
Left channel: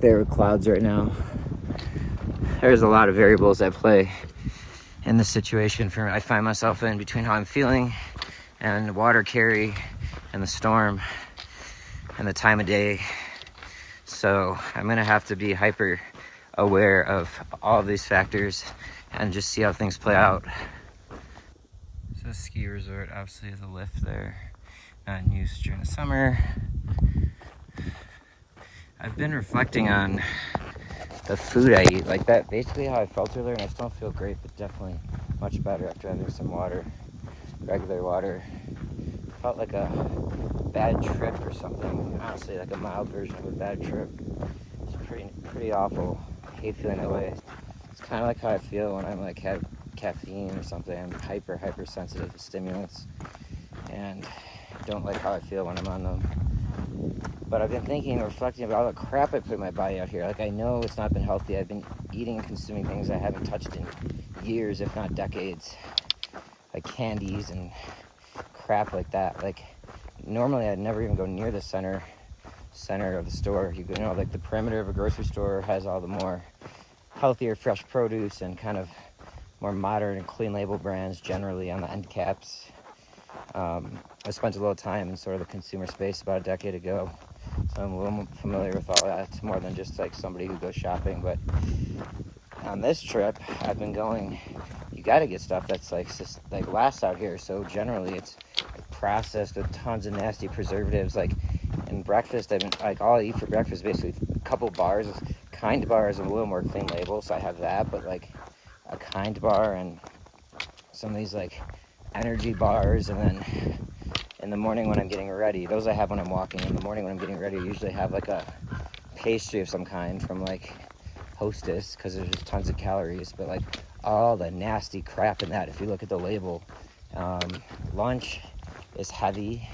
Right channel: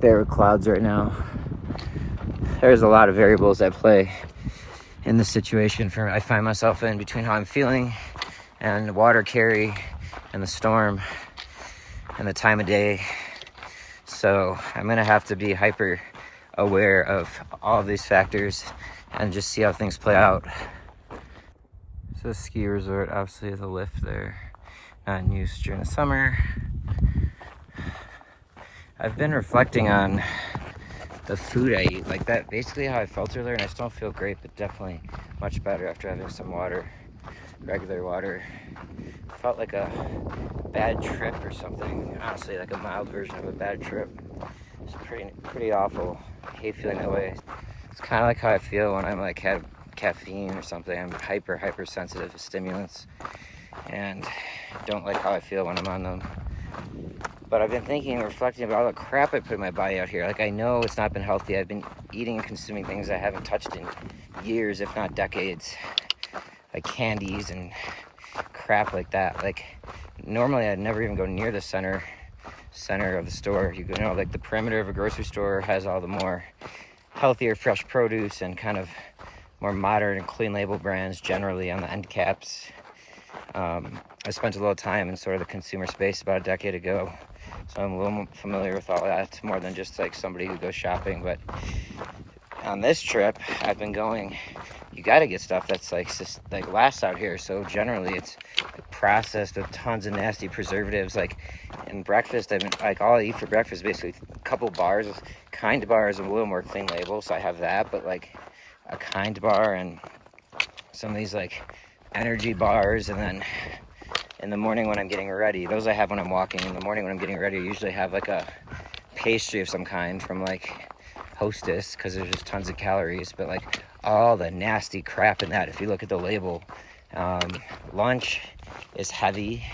there with clouds right now. There's a lot of variables at play in this situation for me. I find myself in between how I'm feeling and the water carry and the storm and the time of day. So I'm gonna have to be hyper aware of all of these factors and just see how things play out. So ski resort, obviously there's a lift there, not in use during the summer. I've been reflecting on the food I eat, like that, basically how I felt earlier, and I still don't feel great, but definitely much better after having some water, regular water. Felt like a bad trip or something, honestly, like a mild version of a bad trip. It's pretty awful. I hate feeling that way. It's kind of like how I feel when I'm like have caffeine or something. I'm hyper sensitive to stimulants and don't like how I feel when I'm on them. But I've been thinking and reflecting about all the crap I put in my body out here. Like, I know it's not been healthy. I've been eating and consuming things I haven't touched in years, if not decades. Like candies and crap like that. Like, normally I'd never even go near the center of the store. You know, like the perimeter of a grocery store has all the more healthier, fresh produce and kind of more modern and clean label brands generally on the end caps. I spent a little time in sort of the consumer space about a decade ago, so I'm a little familiar with all that, more than just like somebody who goes shopping. But on this trip, I've been going, you got to get stuff that's like lasts out here. So generally it's processed with tons of nasty preservatives. Like in breakfast, I've been like, all I eat for breakfast is basically a couple bars. Kind bar is a little more clean label, so I have that, but like a Kind bar and some of these like energy bars. And then in the morning when I'm getting ready, those I have when I'm walking. In the morning when I'm getting ready, I usually have like a pastry of some kind from like Hostess, because there's just tons of calories, but like all the nasty crap in that, if you look at the label. Lunch is heavy.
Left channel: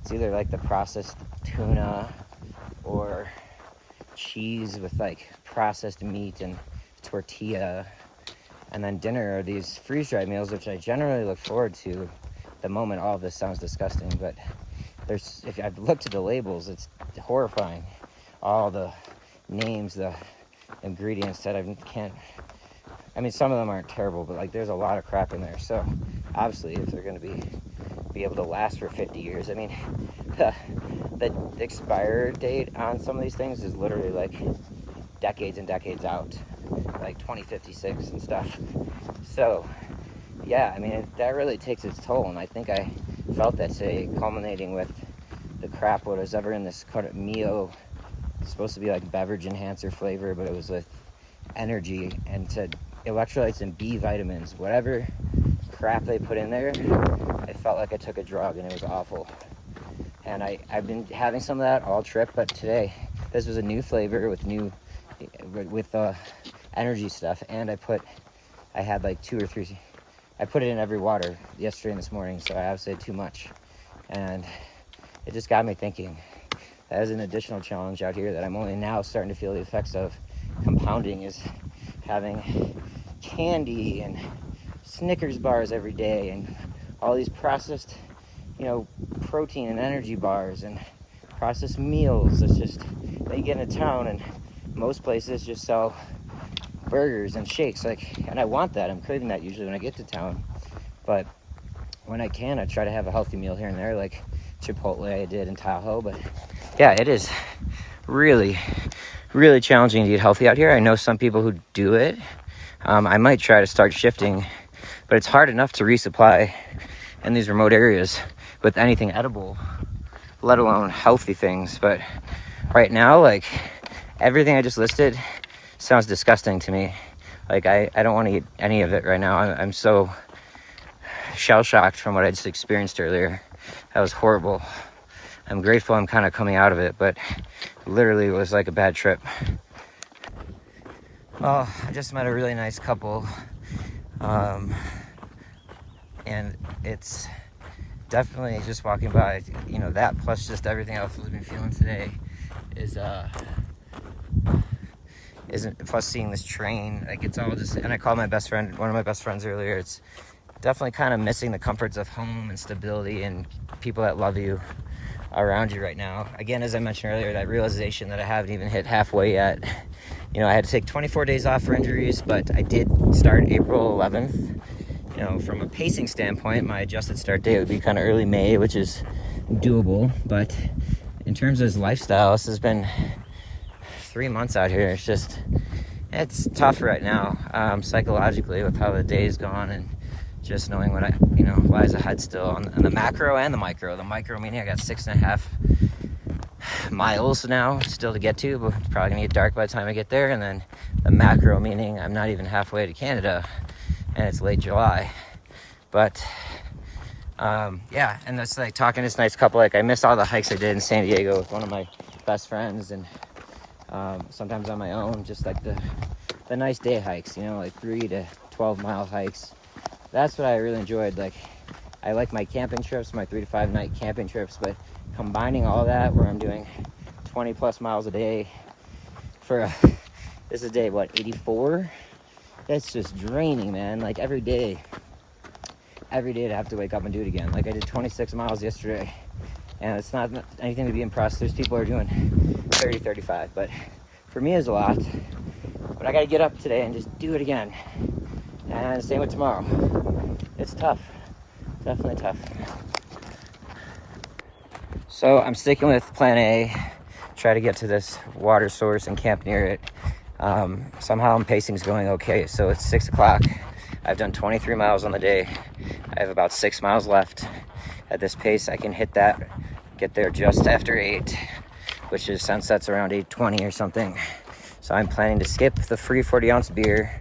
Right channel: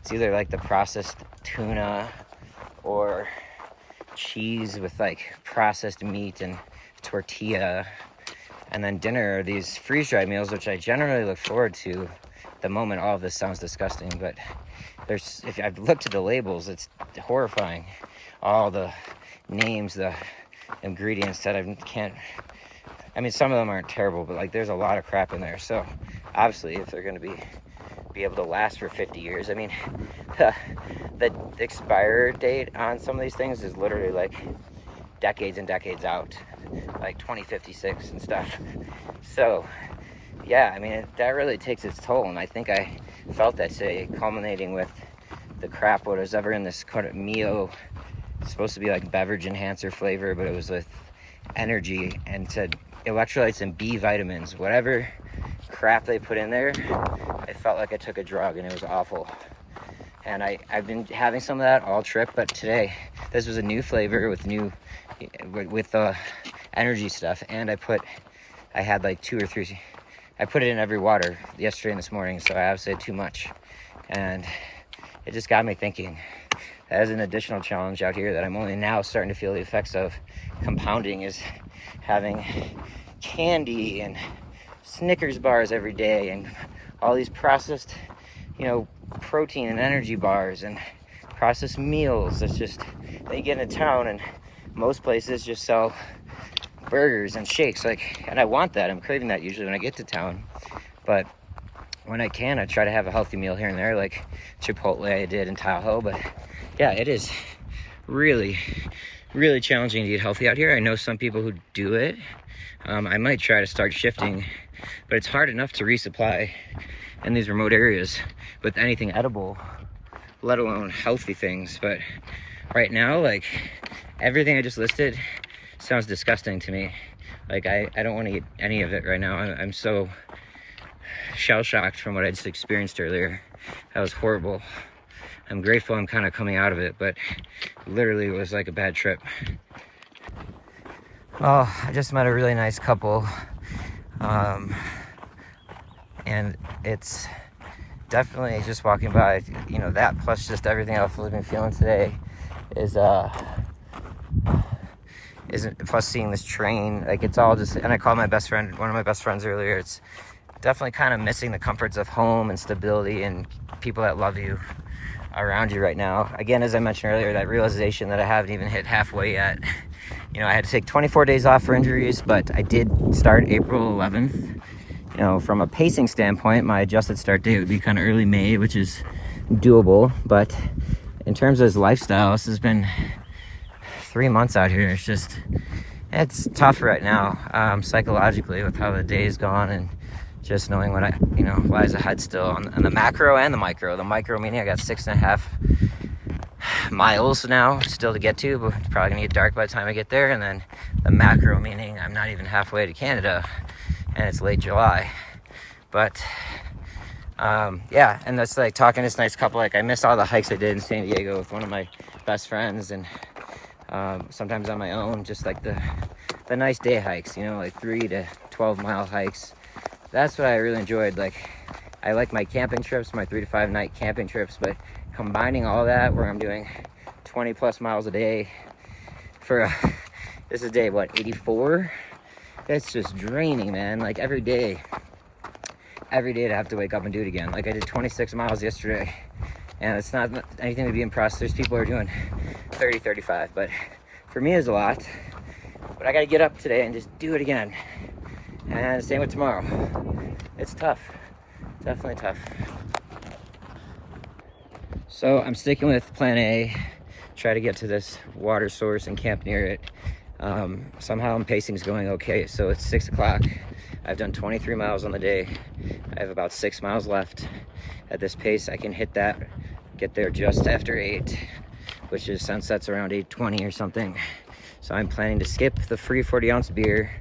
It's either like the processed tuna or cheese with like processed meat and tortilla. And then dinner are these freeze-dried meals, which I generally look forward to. At the moment, all of this sounds disgusting, but if I've looked at the labels, it's horrifying. All the names, the ingredients that I can't, I mean, some of them aren't terrible, but like there's a lot of crap in there. So obviously if they're going to be able to last for 50 years, I mean, the expire date on some of these things is literally like decades and decades out, like 2056 and stuff. So yeah, I mean, that really takes its toll, and I think I felt that today, culminating with the crap what was ever in this kind of Mio. It's supposed to be like beverage enhancer flavor, but it was with energy and said electrolytes and B vitamins. Whatever crap they put in there, I felt like I took a drug, and it was awful. And I've been having some of that all trip, but today this was a new flavor with energy stuff, and I had like 2 or 3. I put it in every water yesterday and this morning, so I obviously had too much, and it just got me thinking. That is an additional challenge out here that I'm only now starting to feel the effects of. Compounding is having candy and Snickers bars every day and all these processed, protein and energy bars and processed meals. It's just, then you get into town and most places just sell burgers and shakes, and I want that. I'm craving that usually when I get to town, but when I can, I try to have a healthy meal here and there, like Chipotle I did in Tahoe. But yeah, it is really challenging to eat healthy out here. I know some people who do it. I might try to start shifting, but it's hard enough to resupply in these remote areas with anything edible, let alone healthy things. But right now, like, everything I just listed sounds disgusting to me. Like, I don't want to eat any of it right now. I'm so shell-shocked from what I just experienced earlier. That was horrible. I'm grateful I'm kind of coming out of it, but literally it was like a bad trip. Well, I just met a really nice couple. And it's definitely just walking by, you know, that plus just everything else I've been feeling today isn't, plus seeing this train, like it's all just, and I called my best friend, one of my best friends earlier, it's definitely kind of missing the comforts of home and stability and people that love you around you right now. Again, as I mentioned earlier, that realization that I haven't even hit halfway yet. You know, I had to take 24 days off for injuries, but I did start April 11th. You know, from a pacing standpoint, my adjusted start date would be kind of early May, which is doable. But in terms of his lifestyle, this has been 3 months out here. It's tough right now, psychologically, with how the day's gone and just knowing what lies ahead still on the macro and the micro. The micro meaning I got 6.5 miles now still to get to, but it's probably gonna get dark by the time I get there. And then the macro meaning I'm not even halfway to Canada and it's late July. But yeah, and that's like talking to this nice couple, like I missed all the hikes I did in San Diego with one of my best friends, and sometimes on my own, just like the nice day hikes, you know, like 3 to 12 mile hikes. That's what I really enjoyed. Like I like my camping trips, my 3 to 5 night camping trips, but combining all that where I'm doing 20 plus miles a day for this is day what, 84? That's just draining, man. Like every day to have to wake up and do it again. Like I did 26 miles yesterday, and it's not anything to be impressed. There's people who are doing 30, 35, but for me it's a lot. But I gotta get up today and just do it again. And same with tomorrow. It's tough, definitely tough. So I'm sticking with plan A, try to get to this water source and camp near it. Somehow pacing's going okay. So it's 6 o'clock. I've done 23 miles on the day. I have about 6 miles left. At this pace, I can hit that, get there just after 8, which is sunsets around 8:20 or something. So I'm planning to skip the free 40-ounce beer.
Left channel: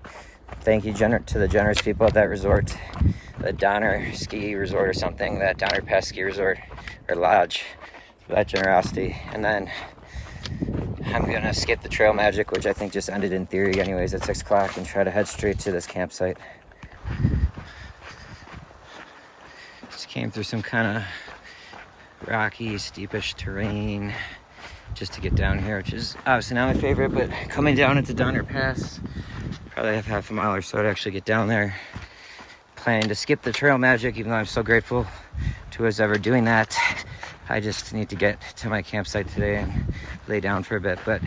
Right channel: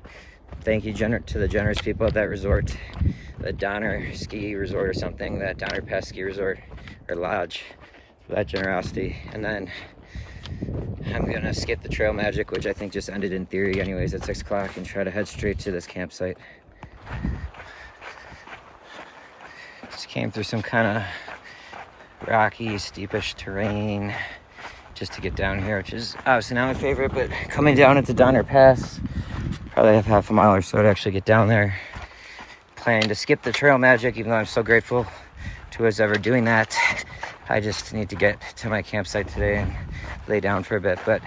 Thank you to the generous people at that resort, the Donner Ski Resort or something, that Donner Pass Ski Resort or Lodge, for that generosity. And then I'm gonna skip the Trail Magic, which I think just ended in theory anyways at 6 o'clock, and try to head straight to this campsite. Just came through some kind of rocky, steepish terrain just to get down here, which is obviously not my favorite, but coming down into Donner Pass, probably have half a mile or so to actually get down there. Planning to skip the Trail Magic, even though I'm so grateful to whoever's ever doing that. I just need to get to my campsite today and lay down for a bit, but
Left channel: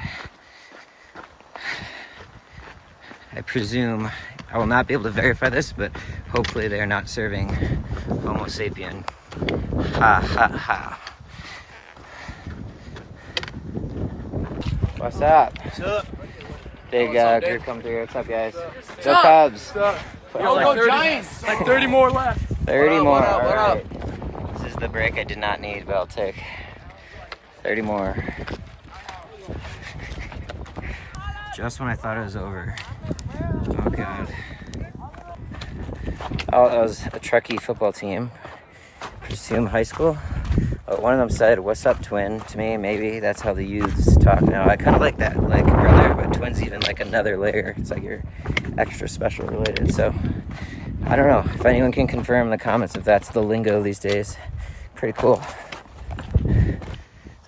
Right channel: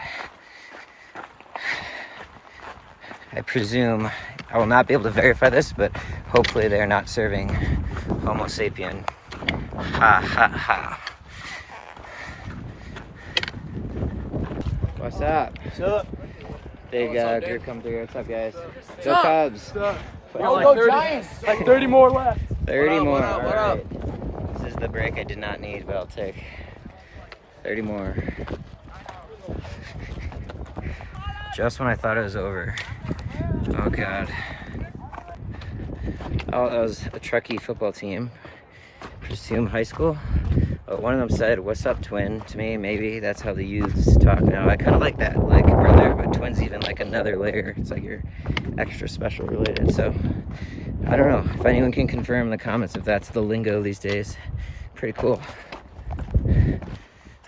I presume I will not be able to verify this, but hopefully they're not serving Homo sapien. Ha ha ha. What's up? What's up? Big group come through. What's up, guys? Go up? Cubs. What's up? What's up? Giants. Like 30 more left. 30 more. What All up? right. This is the break I did not need, but I'll take 30 more. Just when I thought it was over. Oh, God. Oh, that was a Truckee football team. Presume high school. One of them said, "What's up, twin?" to me. Maybe that's how the youths talk now. I kind of like that, like brother, but twin's even like another layer. It's like you're extra special related. So I don't know if anyone can confirm in the comments if that's the lingo these days. Pretty cool.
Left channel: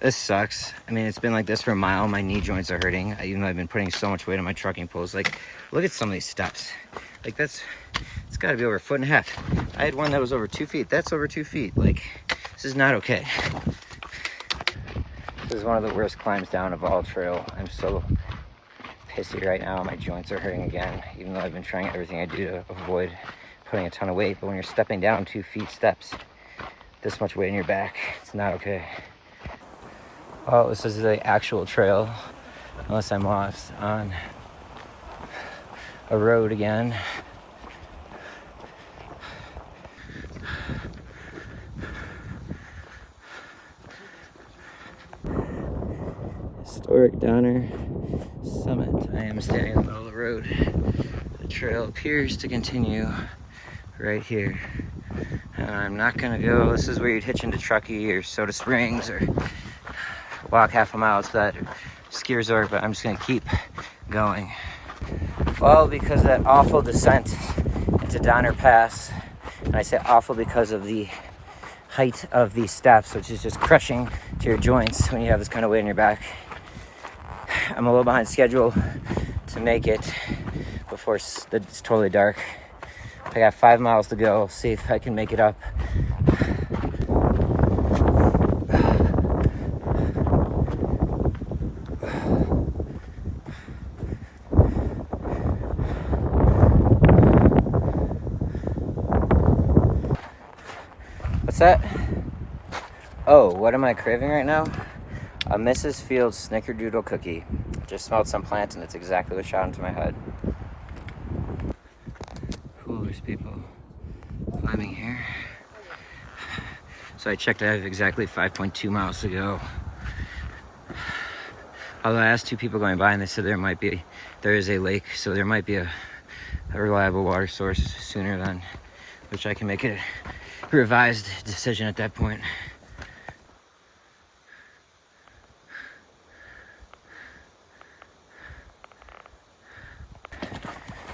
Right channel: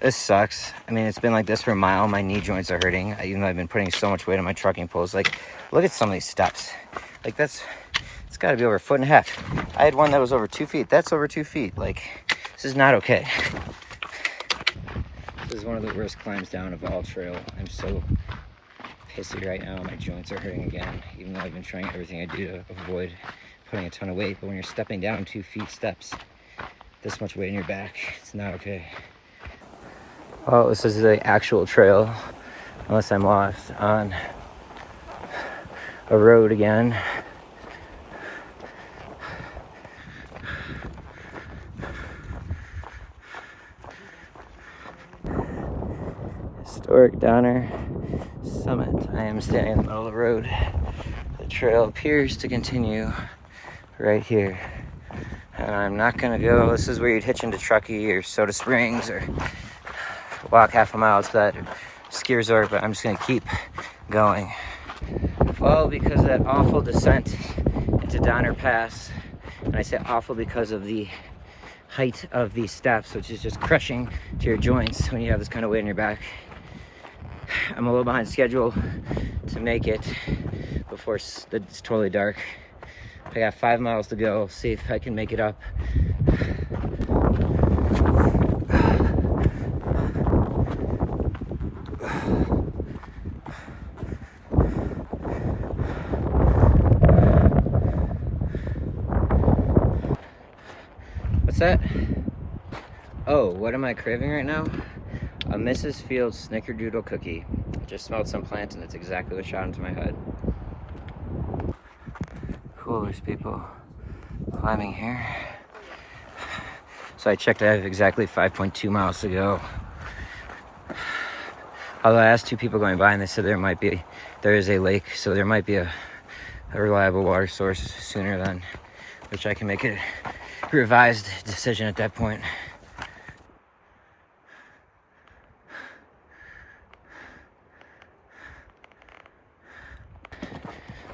This sucks. I mean, it's been like this for a mile. My knee joints are hurting, even though I've been putting so much weight on my trucking poles. Like, look at some of these steps. Like, it's got to be over 1.5 feet. I had one that was over 2 feet. That's over 2 feet. Like, this is not okay. This is one of the worst climbs down of all trail. I'm so pissy right now. My joints are hurting again, even though I've been trying everything I do to avoid putting a ton of weight. But when you're stepping down 2 feet steps, this much weight in your back, it's not okay. Well, this is the actual trail, unless I'm lost on a road again. Historic Donner Summit. I am standing in the middle of the road. The trail appears to continue right here. And I'm not gonna go, this is where you'd hitch into Truckee or Soda Springs or walk half a mile to that ski resort, but I'm just gonna keep going. Well, because of that awful descent into Donner Pass, and I say awful because of the height of these steps, which is just crushing to your joints when you have this kind of weight in your back. I'm a little behind schedule to make it before it's totally dark. I got 5 miles to go. See if I can make it up. What's that? Oh, what am I craving right now? A Mrs. Fields Snickerdoodle cookie. Just smelled some plant and it's exactly what shot into my head. Cool, there's people climbing here. So I checked, I have exactly 5.2 miles to go. Although I asked 2 people going by and they said there is a lake, so there might be a reliable water source sooner than, which I can make a revised decision at that point.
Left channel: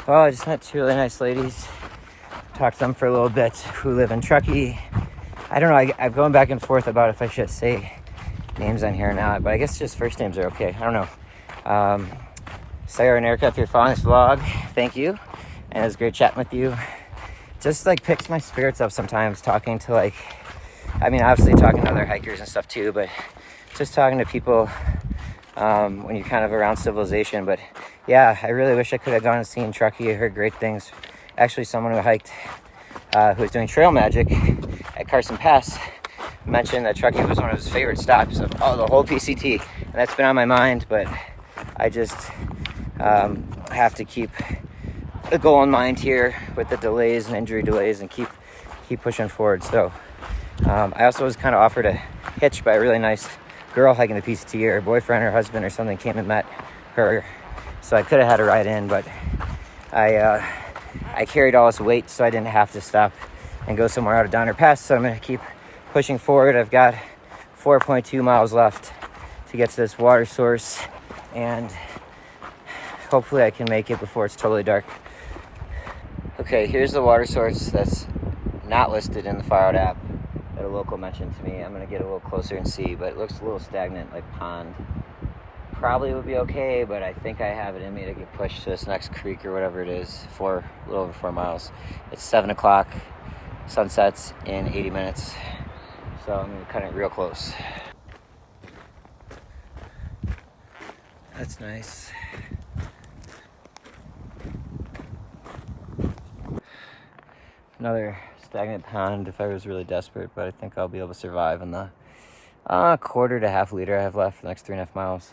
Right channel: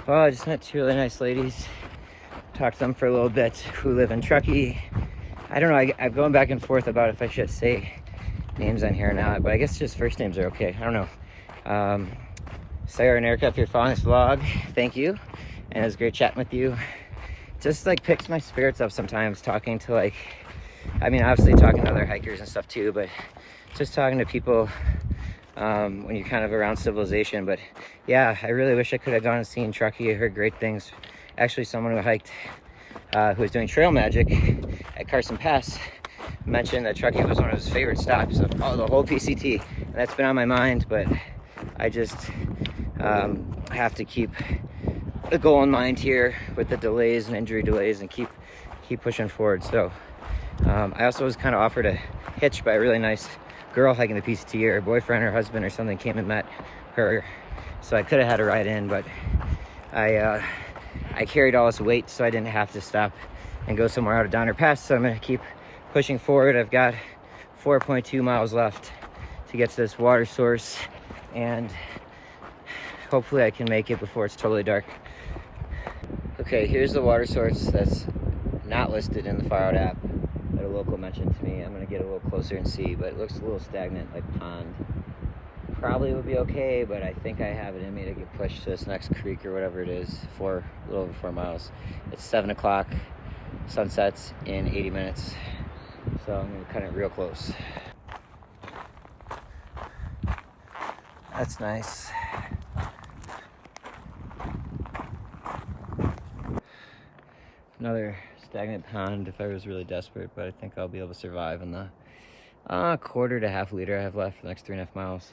Well, I just met 2 really nice ladies. Talked to them for a little bit who live in Truckee. I don't know, I'm going back and forth about if I should say names on here or not, but I guess just first names are okay. I don't know. Sarah and Erica, if you're following this vlog, thank you. And it was great chatting with you. Just like picks my spirits up sometimes talking to obviously talking to other hikers and stuff too, but just talking to people when you're kind of around civilization. But yeah, I really wish I could have gone and seen Truckee. I heard great things. Actually, someone who hiked, who was doing trail magic at Carson Pass, mentioned that Truckee was one of his favorite stops of the whole PCT. And that's been on my mind, but I just have to keep the goal in mind here with the delays and injury delays and keep pushing forward. So I also was kind of offered a hitch by a really nice girl hiking the PCT. Her boyfriend or husband or something came and met her, so I could have had a ride in, but I carried all this weight, so I didn't have to stop and go somewhere out of Donner Pass. So I'm gonna keep pushing forward. I've got 4.2 miles left to get to this water source, and hopefully I can make it before it's totally dark. Okay, here's the water source that's not listed in the Far Out app that a local mentioned to me. I'm gonna get a little closer and see, but it looks a little stagnant, like pond. Probably would be okay, but I think I have it in me to get pushed to this next creek or whatever it is, a little over 4 miles. It's 7 o'clock, sunsets in 80 minutes. So I'm gonna cut it real close. That's nice. Another stagnant pond if I was really desperate, but I think I'll be able to survive in the quarter to half liter I have left for the next 3.5 miles.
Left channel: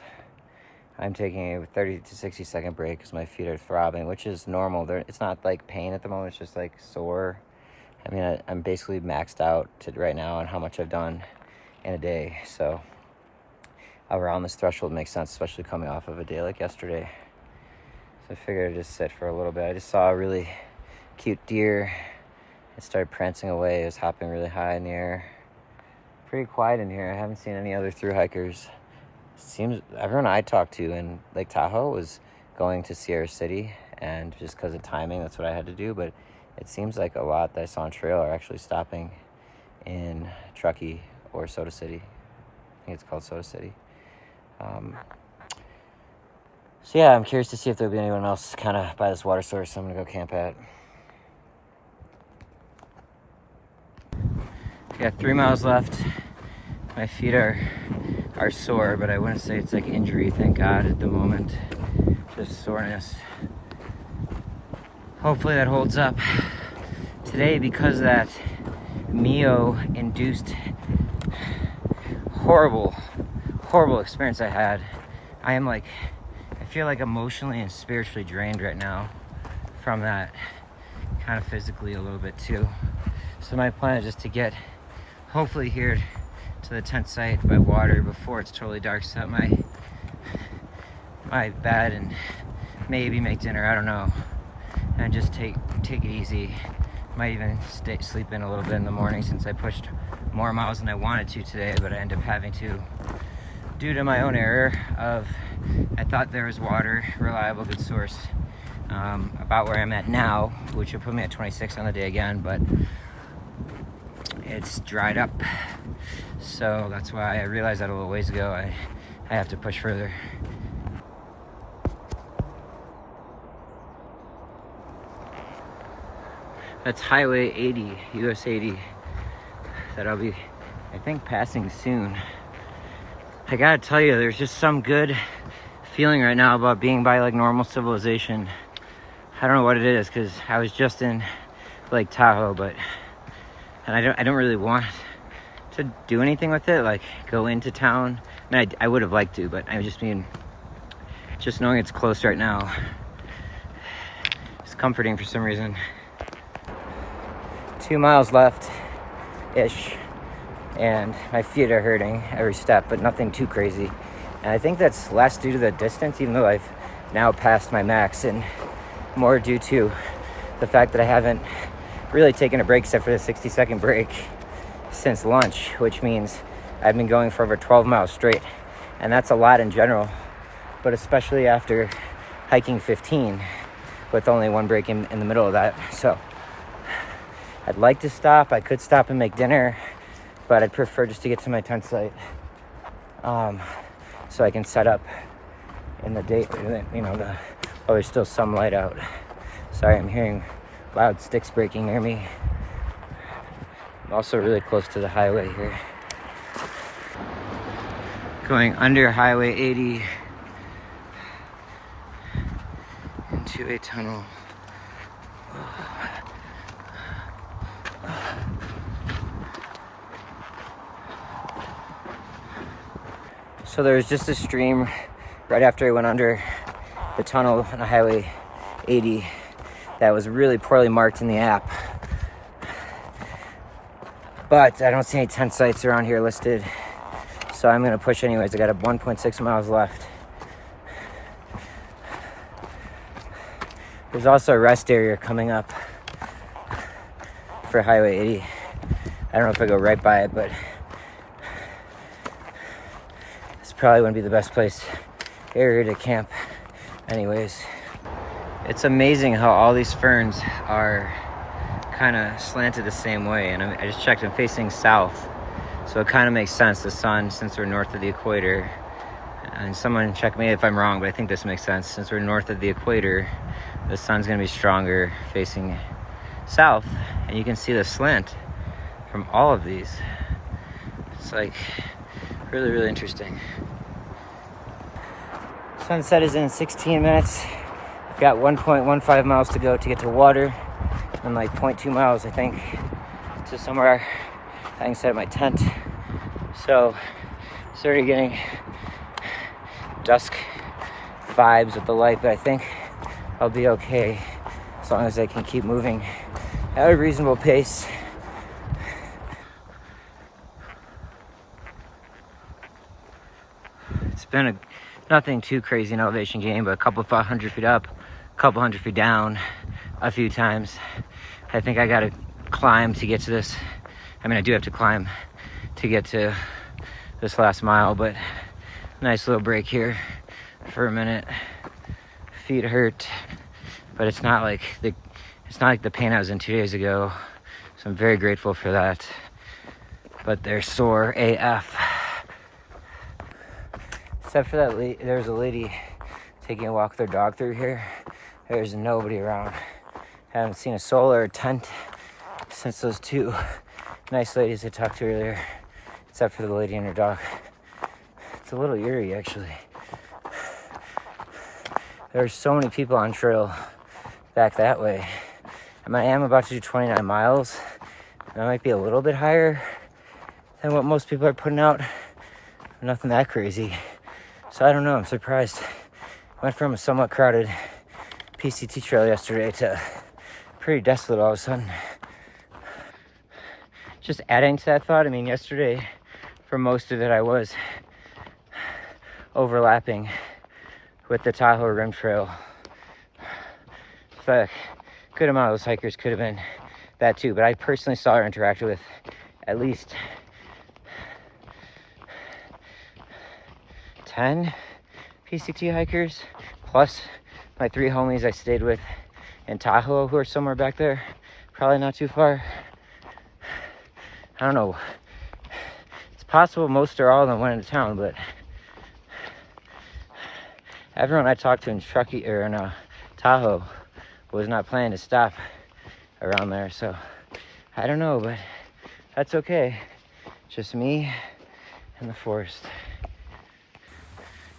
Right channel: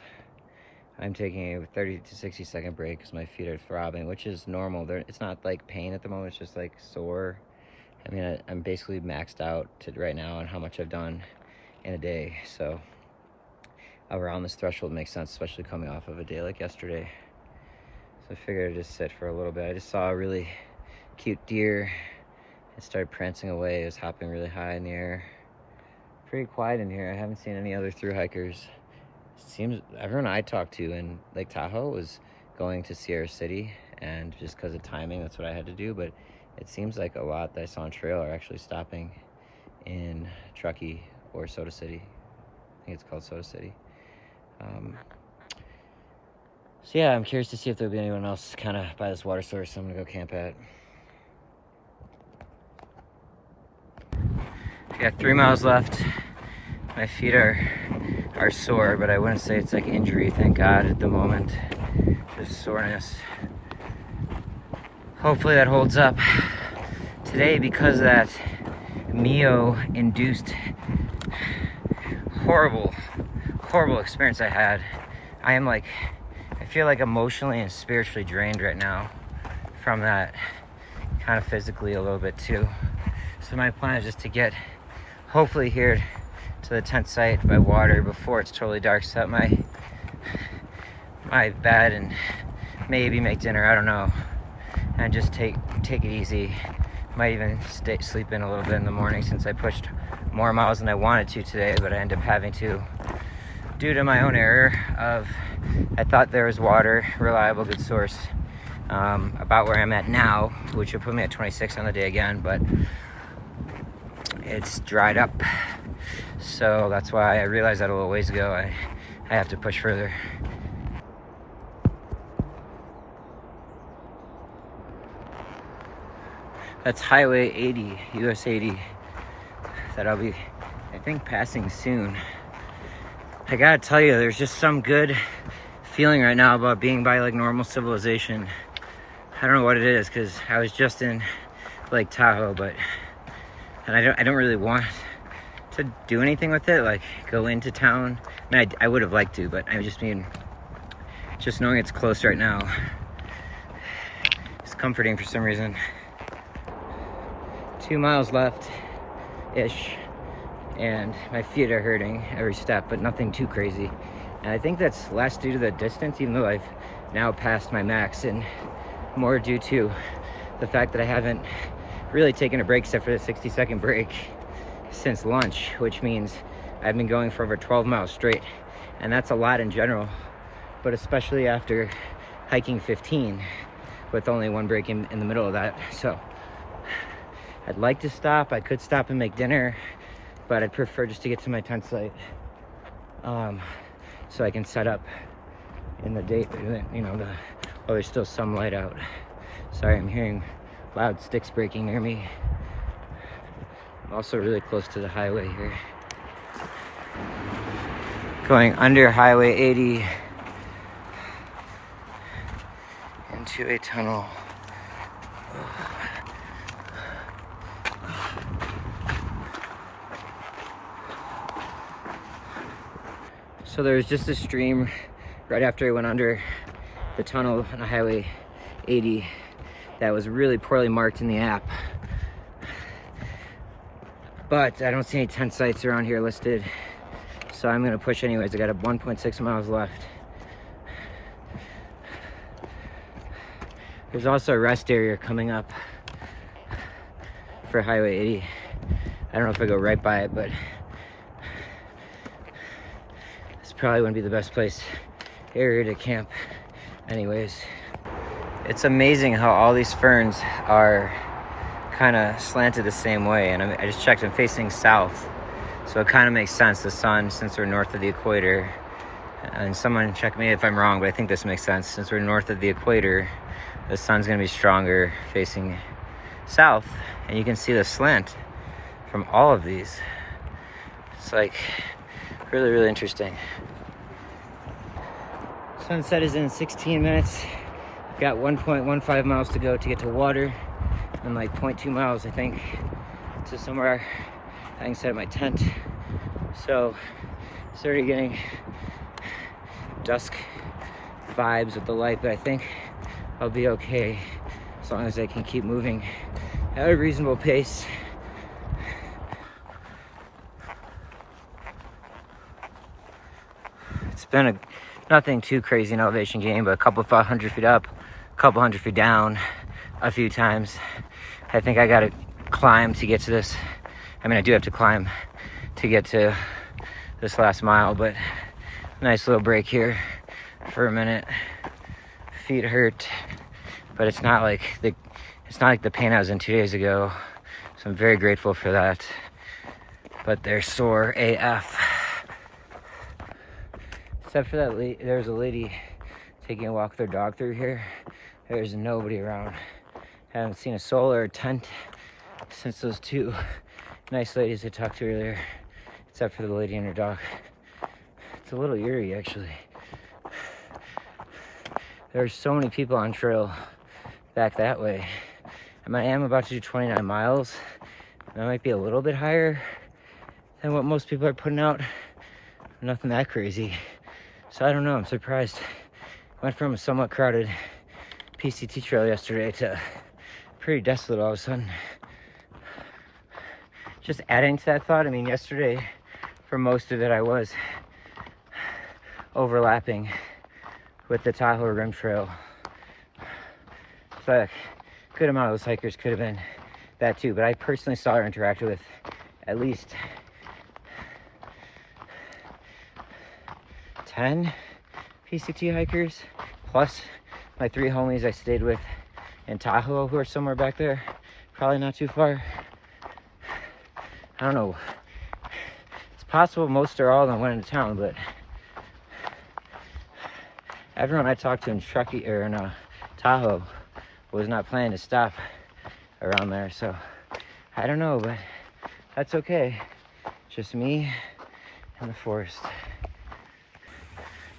I'm taking a 30 to 60 second break because my feet are throbbing, which is normal. It's not like pain at the moment, it's just like sore. I mean, I'm basically maxed out right now on how much I've done in a day. So around this threshold makes sense, especially coming off of a day like yesterday. So I figured I'd just sit for a little bit. I just saw a really cute deer. It started prancing away. It was hopping really high in the air. Pretty quiet in here. I haven't seen any other thru hikers. Seems everyone I talked to in Lake Tahoe was going to Sierra City, and just because of timing, that's what I had to do. But it seems like a lot that I saw on trail are actually stopping in Truckee or Soda City. I think it's called Soda City. So yeah, I'm curious to see if there'll be anyone else kind of by this water source I'm gonna go camp at. I got 3 miles left. My feet are sore, but I wouldn't say it's like injury, thank God, at the moment. Just soreness. Hopefully that holds up. Today, because of that Mio-induced horrible experience I had, I feel like emotionally and spiritually drained right now from that, kind of physically a little bit too. So my plan is just to get hopefully here to the tent site by water before it's totally dark, set up my bed and maybe make dinner, I don't know, and just take it easy Might even sleep in a little bit in the morning since I pushed more miles than I wanted to today, but I ended up having to due to my own error of I thought there was water, reliable, good source, about where I'm at now, which would put me at 26 on the day again, but it's dried up. So that's why I realized that a little ways ago I have to push further. That's Highway 80, US 80, that I'll be, I think, passing soon. I gotta tell you, there's just some good feeling right now about being by like normal civilization. I don't know what it is, because I was just in Lake Tahoe, and I don't really want to do anything with it, like go into town. I mean, I would have liked to, but I just mean, just knowing it's close right now, it's comforting for some reason. 2 miles left-ish, and my feet are hurting every step, but nothing too crazy. And I think that's less due to the distance, even though I've now passed my max, and more due to the fact that I haven't really taken a break except for the 60-second break since lunch, which means I've been going for over 12 miles straight. And that's a lot in general, but especially after hiking 15 with only one break in the middle of that. So I'd like to stop. I could stop and make dinner, but I'd prefer just to get to my tent site, so I can set up in the day, you know, while there's still some light out. Sorry, I'm hearing loud sticks breaking near me. I'm also really close to the highway here. Going under Highway 80 into a tunnel. So there was just a stream right after I went under the tunnel on Highway 80 that was really poorly marked in the app. But I don't see any tent sites around here listed, so I'm gonna push anyways. I got 1.6 miles left. There's also a rest area coming up for Highway 80. I don't know if I go right by it, but probably wouldn't be the best area to camp anyways. It's amazing how all these ferns are kind of slanted the same way, and I just checked, I'm facing south, so it kind of makes sense. The sun, since we're north of the equator, and someone check me if I'm wrong, but I think this makes sense. Since we're north of the equator, the sun's gonna be stronger facing south, and you can see the slant from all of these. It's like really, really interesting. Sunset is in 16 minutes. I've got 1.15 miles to go to get to water, and like 0.2 miles, I think, to somewhere I can set up my tent. So, started getting dusk vibes with the light, but I think I'll be okay as long as I can keep moving at a reasonable pace. It's been nothing too crazy in elevation gain, but a couple of 100 feet up, a couple 100 feet down a few times. I think I gotta climb to get to this. I mean, I do have to climb to get to this last mile, but nice little break here for a minute. Feet hurt, but it's not like the pain I was in 2 days ago. So I'm very grateful for that. But they're sore AF. Except for that, there's a lady taking a walk with her dog through here. There's nobody around. Haven't seen a soul or a tent since those two nice ladies I talked to earlier, except for the lady and her dog. It's a little eerie, actually. There's so many people on trail back that way. I am about to do 29 miles. That might be a little bit higher than what most people are putting out. Nothing that crazy. So I don't know, I'm surprised. Went from a somewhat crowded PCT trail yesterday to pretty desolate all of a sudden. Just adding to that thought, I mean, yesterday, for most of it, I was overlapping with the Tahoe Rim Trail. So a good amount of those hikers could have been that too, but I personally saw her interact with at least 10 PCT hikers, plus my 3 homies I stayed with in Tahoe who are somewhere back there, probably not too far. I don't know. It's possible most or all of them went into town, but everyone I talked to in Truckee or in Tahoe was not planning to stop around there, so I don't know, but that's okay. Just me and the forest.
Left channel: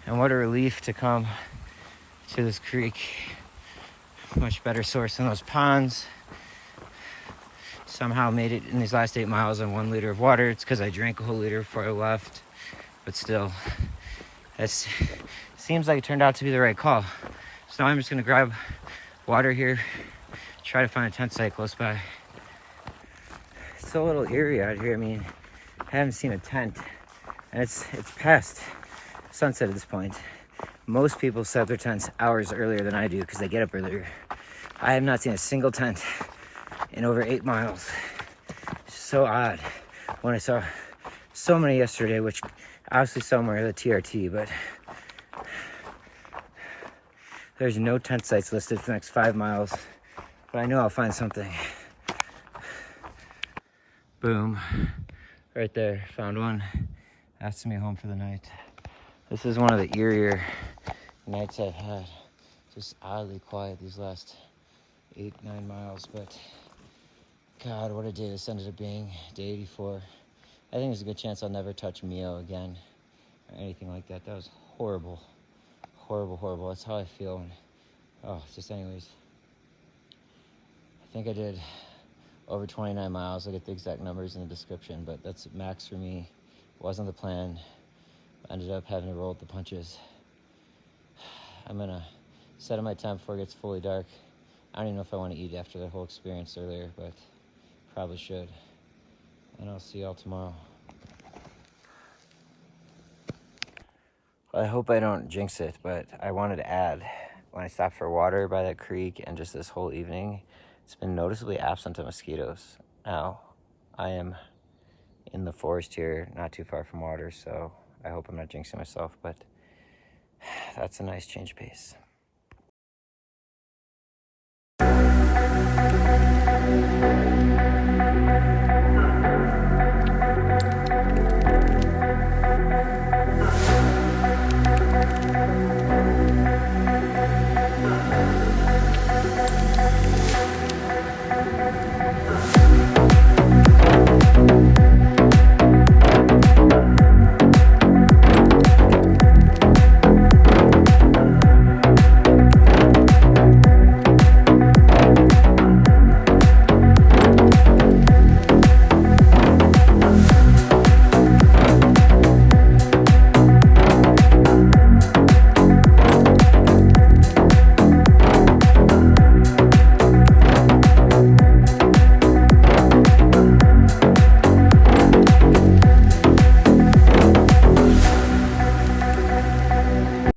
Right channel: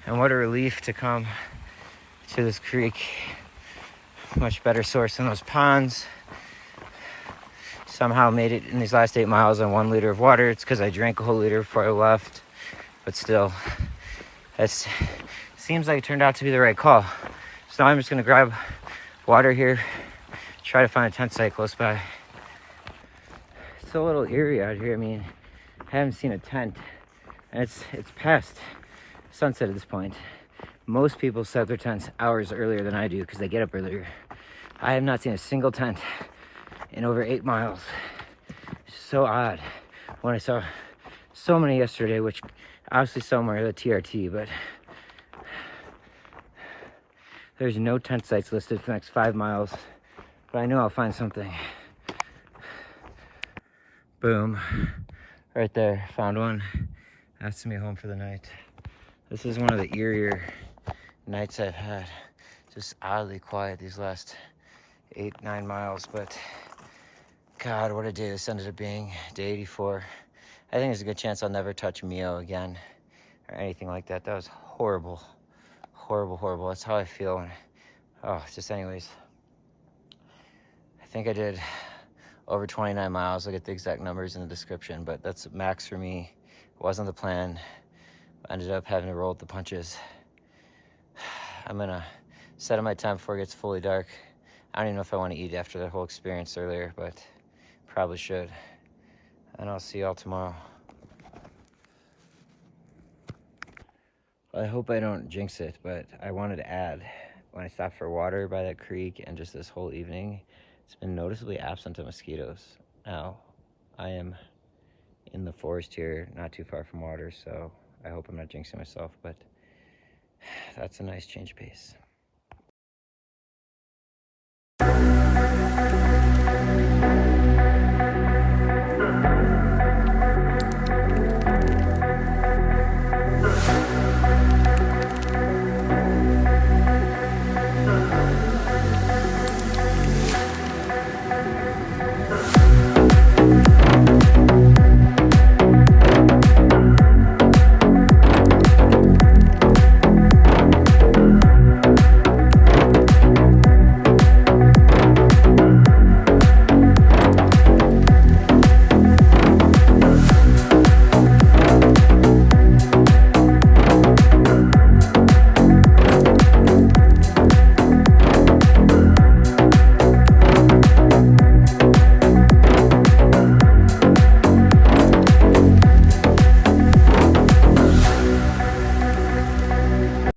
And what a relief to come to this creek. Much better source than those ponds. Somehow made it in these last 8 miles on 1 liter of water. It's because I drank a whole liter before I left, but still, it seems like it turned out to be the right call. So now I'm just gonna grab water here, try to find a tent site close by. It's a little eerie out here. I mean, I haven't seen a tent, and it's past sunset at this point. Most people set their tents hours earlier than I do because they get up earlier. I have not seen a single tent in over 8 miles. It's so odd. When I saw so many yesterday, which obviously somewhere the TRT, but there's no tent sites listed for the next 5 miles, but I know I'll find something. Boom, right there, found one. That's me home for the night. This is one of the eerier nights I've had. Just oddly quiet these last 8-9 miles, but God, what a day this ended up being. Day 84. I think there's a good chance I'll never touch Mio again or anything like that. That was horrible. Horrible. That's how I feel. Just anyways. I think I did over 29 miles. I'll get the exact numbers in the description, but that's max for me. It wasn't the plan. I ended up having to roll with the punches. I'm gonna set up my time before it gets fully dark. I don't even know if I want to eat after the whole experience earlier, but probably should. And I'll see y'all tomorrow. I hope I don't jinx it, but I wanted to add, when I stopped for water by that creek and just this whole evening, it's been noticeably absent of mosquitoes. Now, I am in the forest here, not too far from water, so I hope I'm not jinxing myself, but that's a nice change of pace.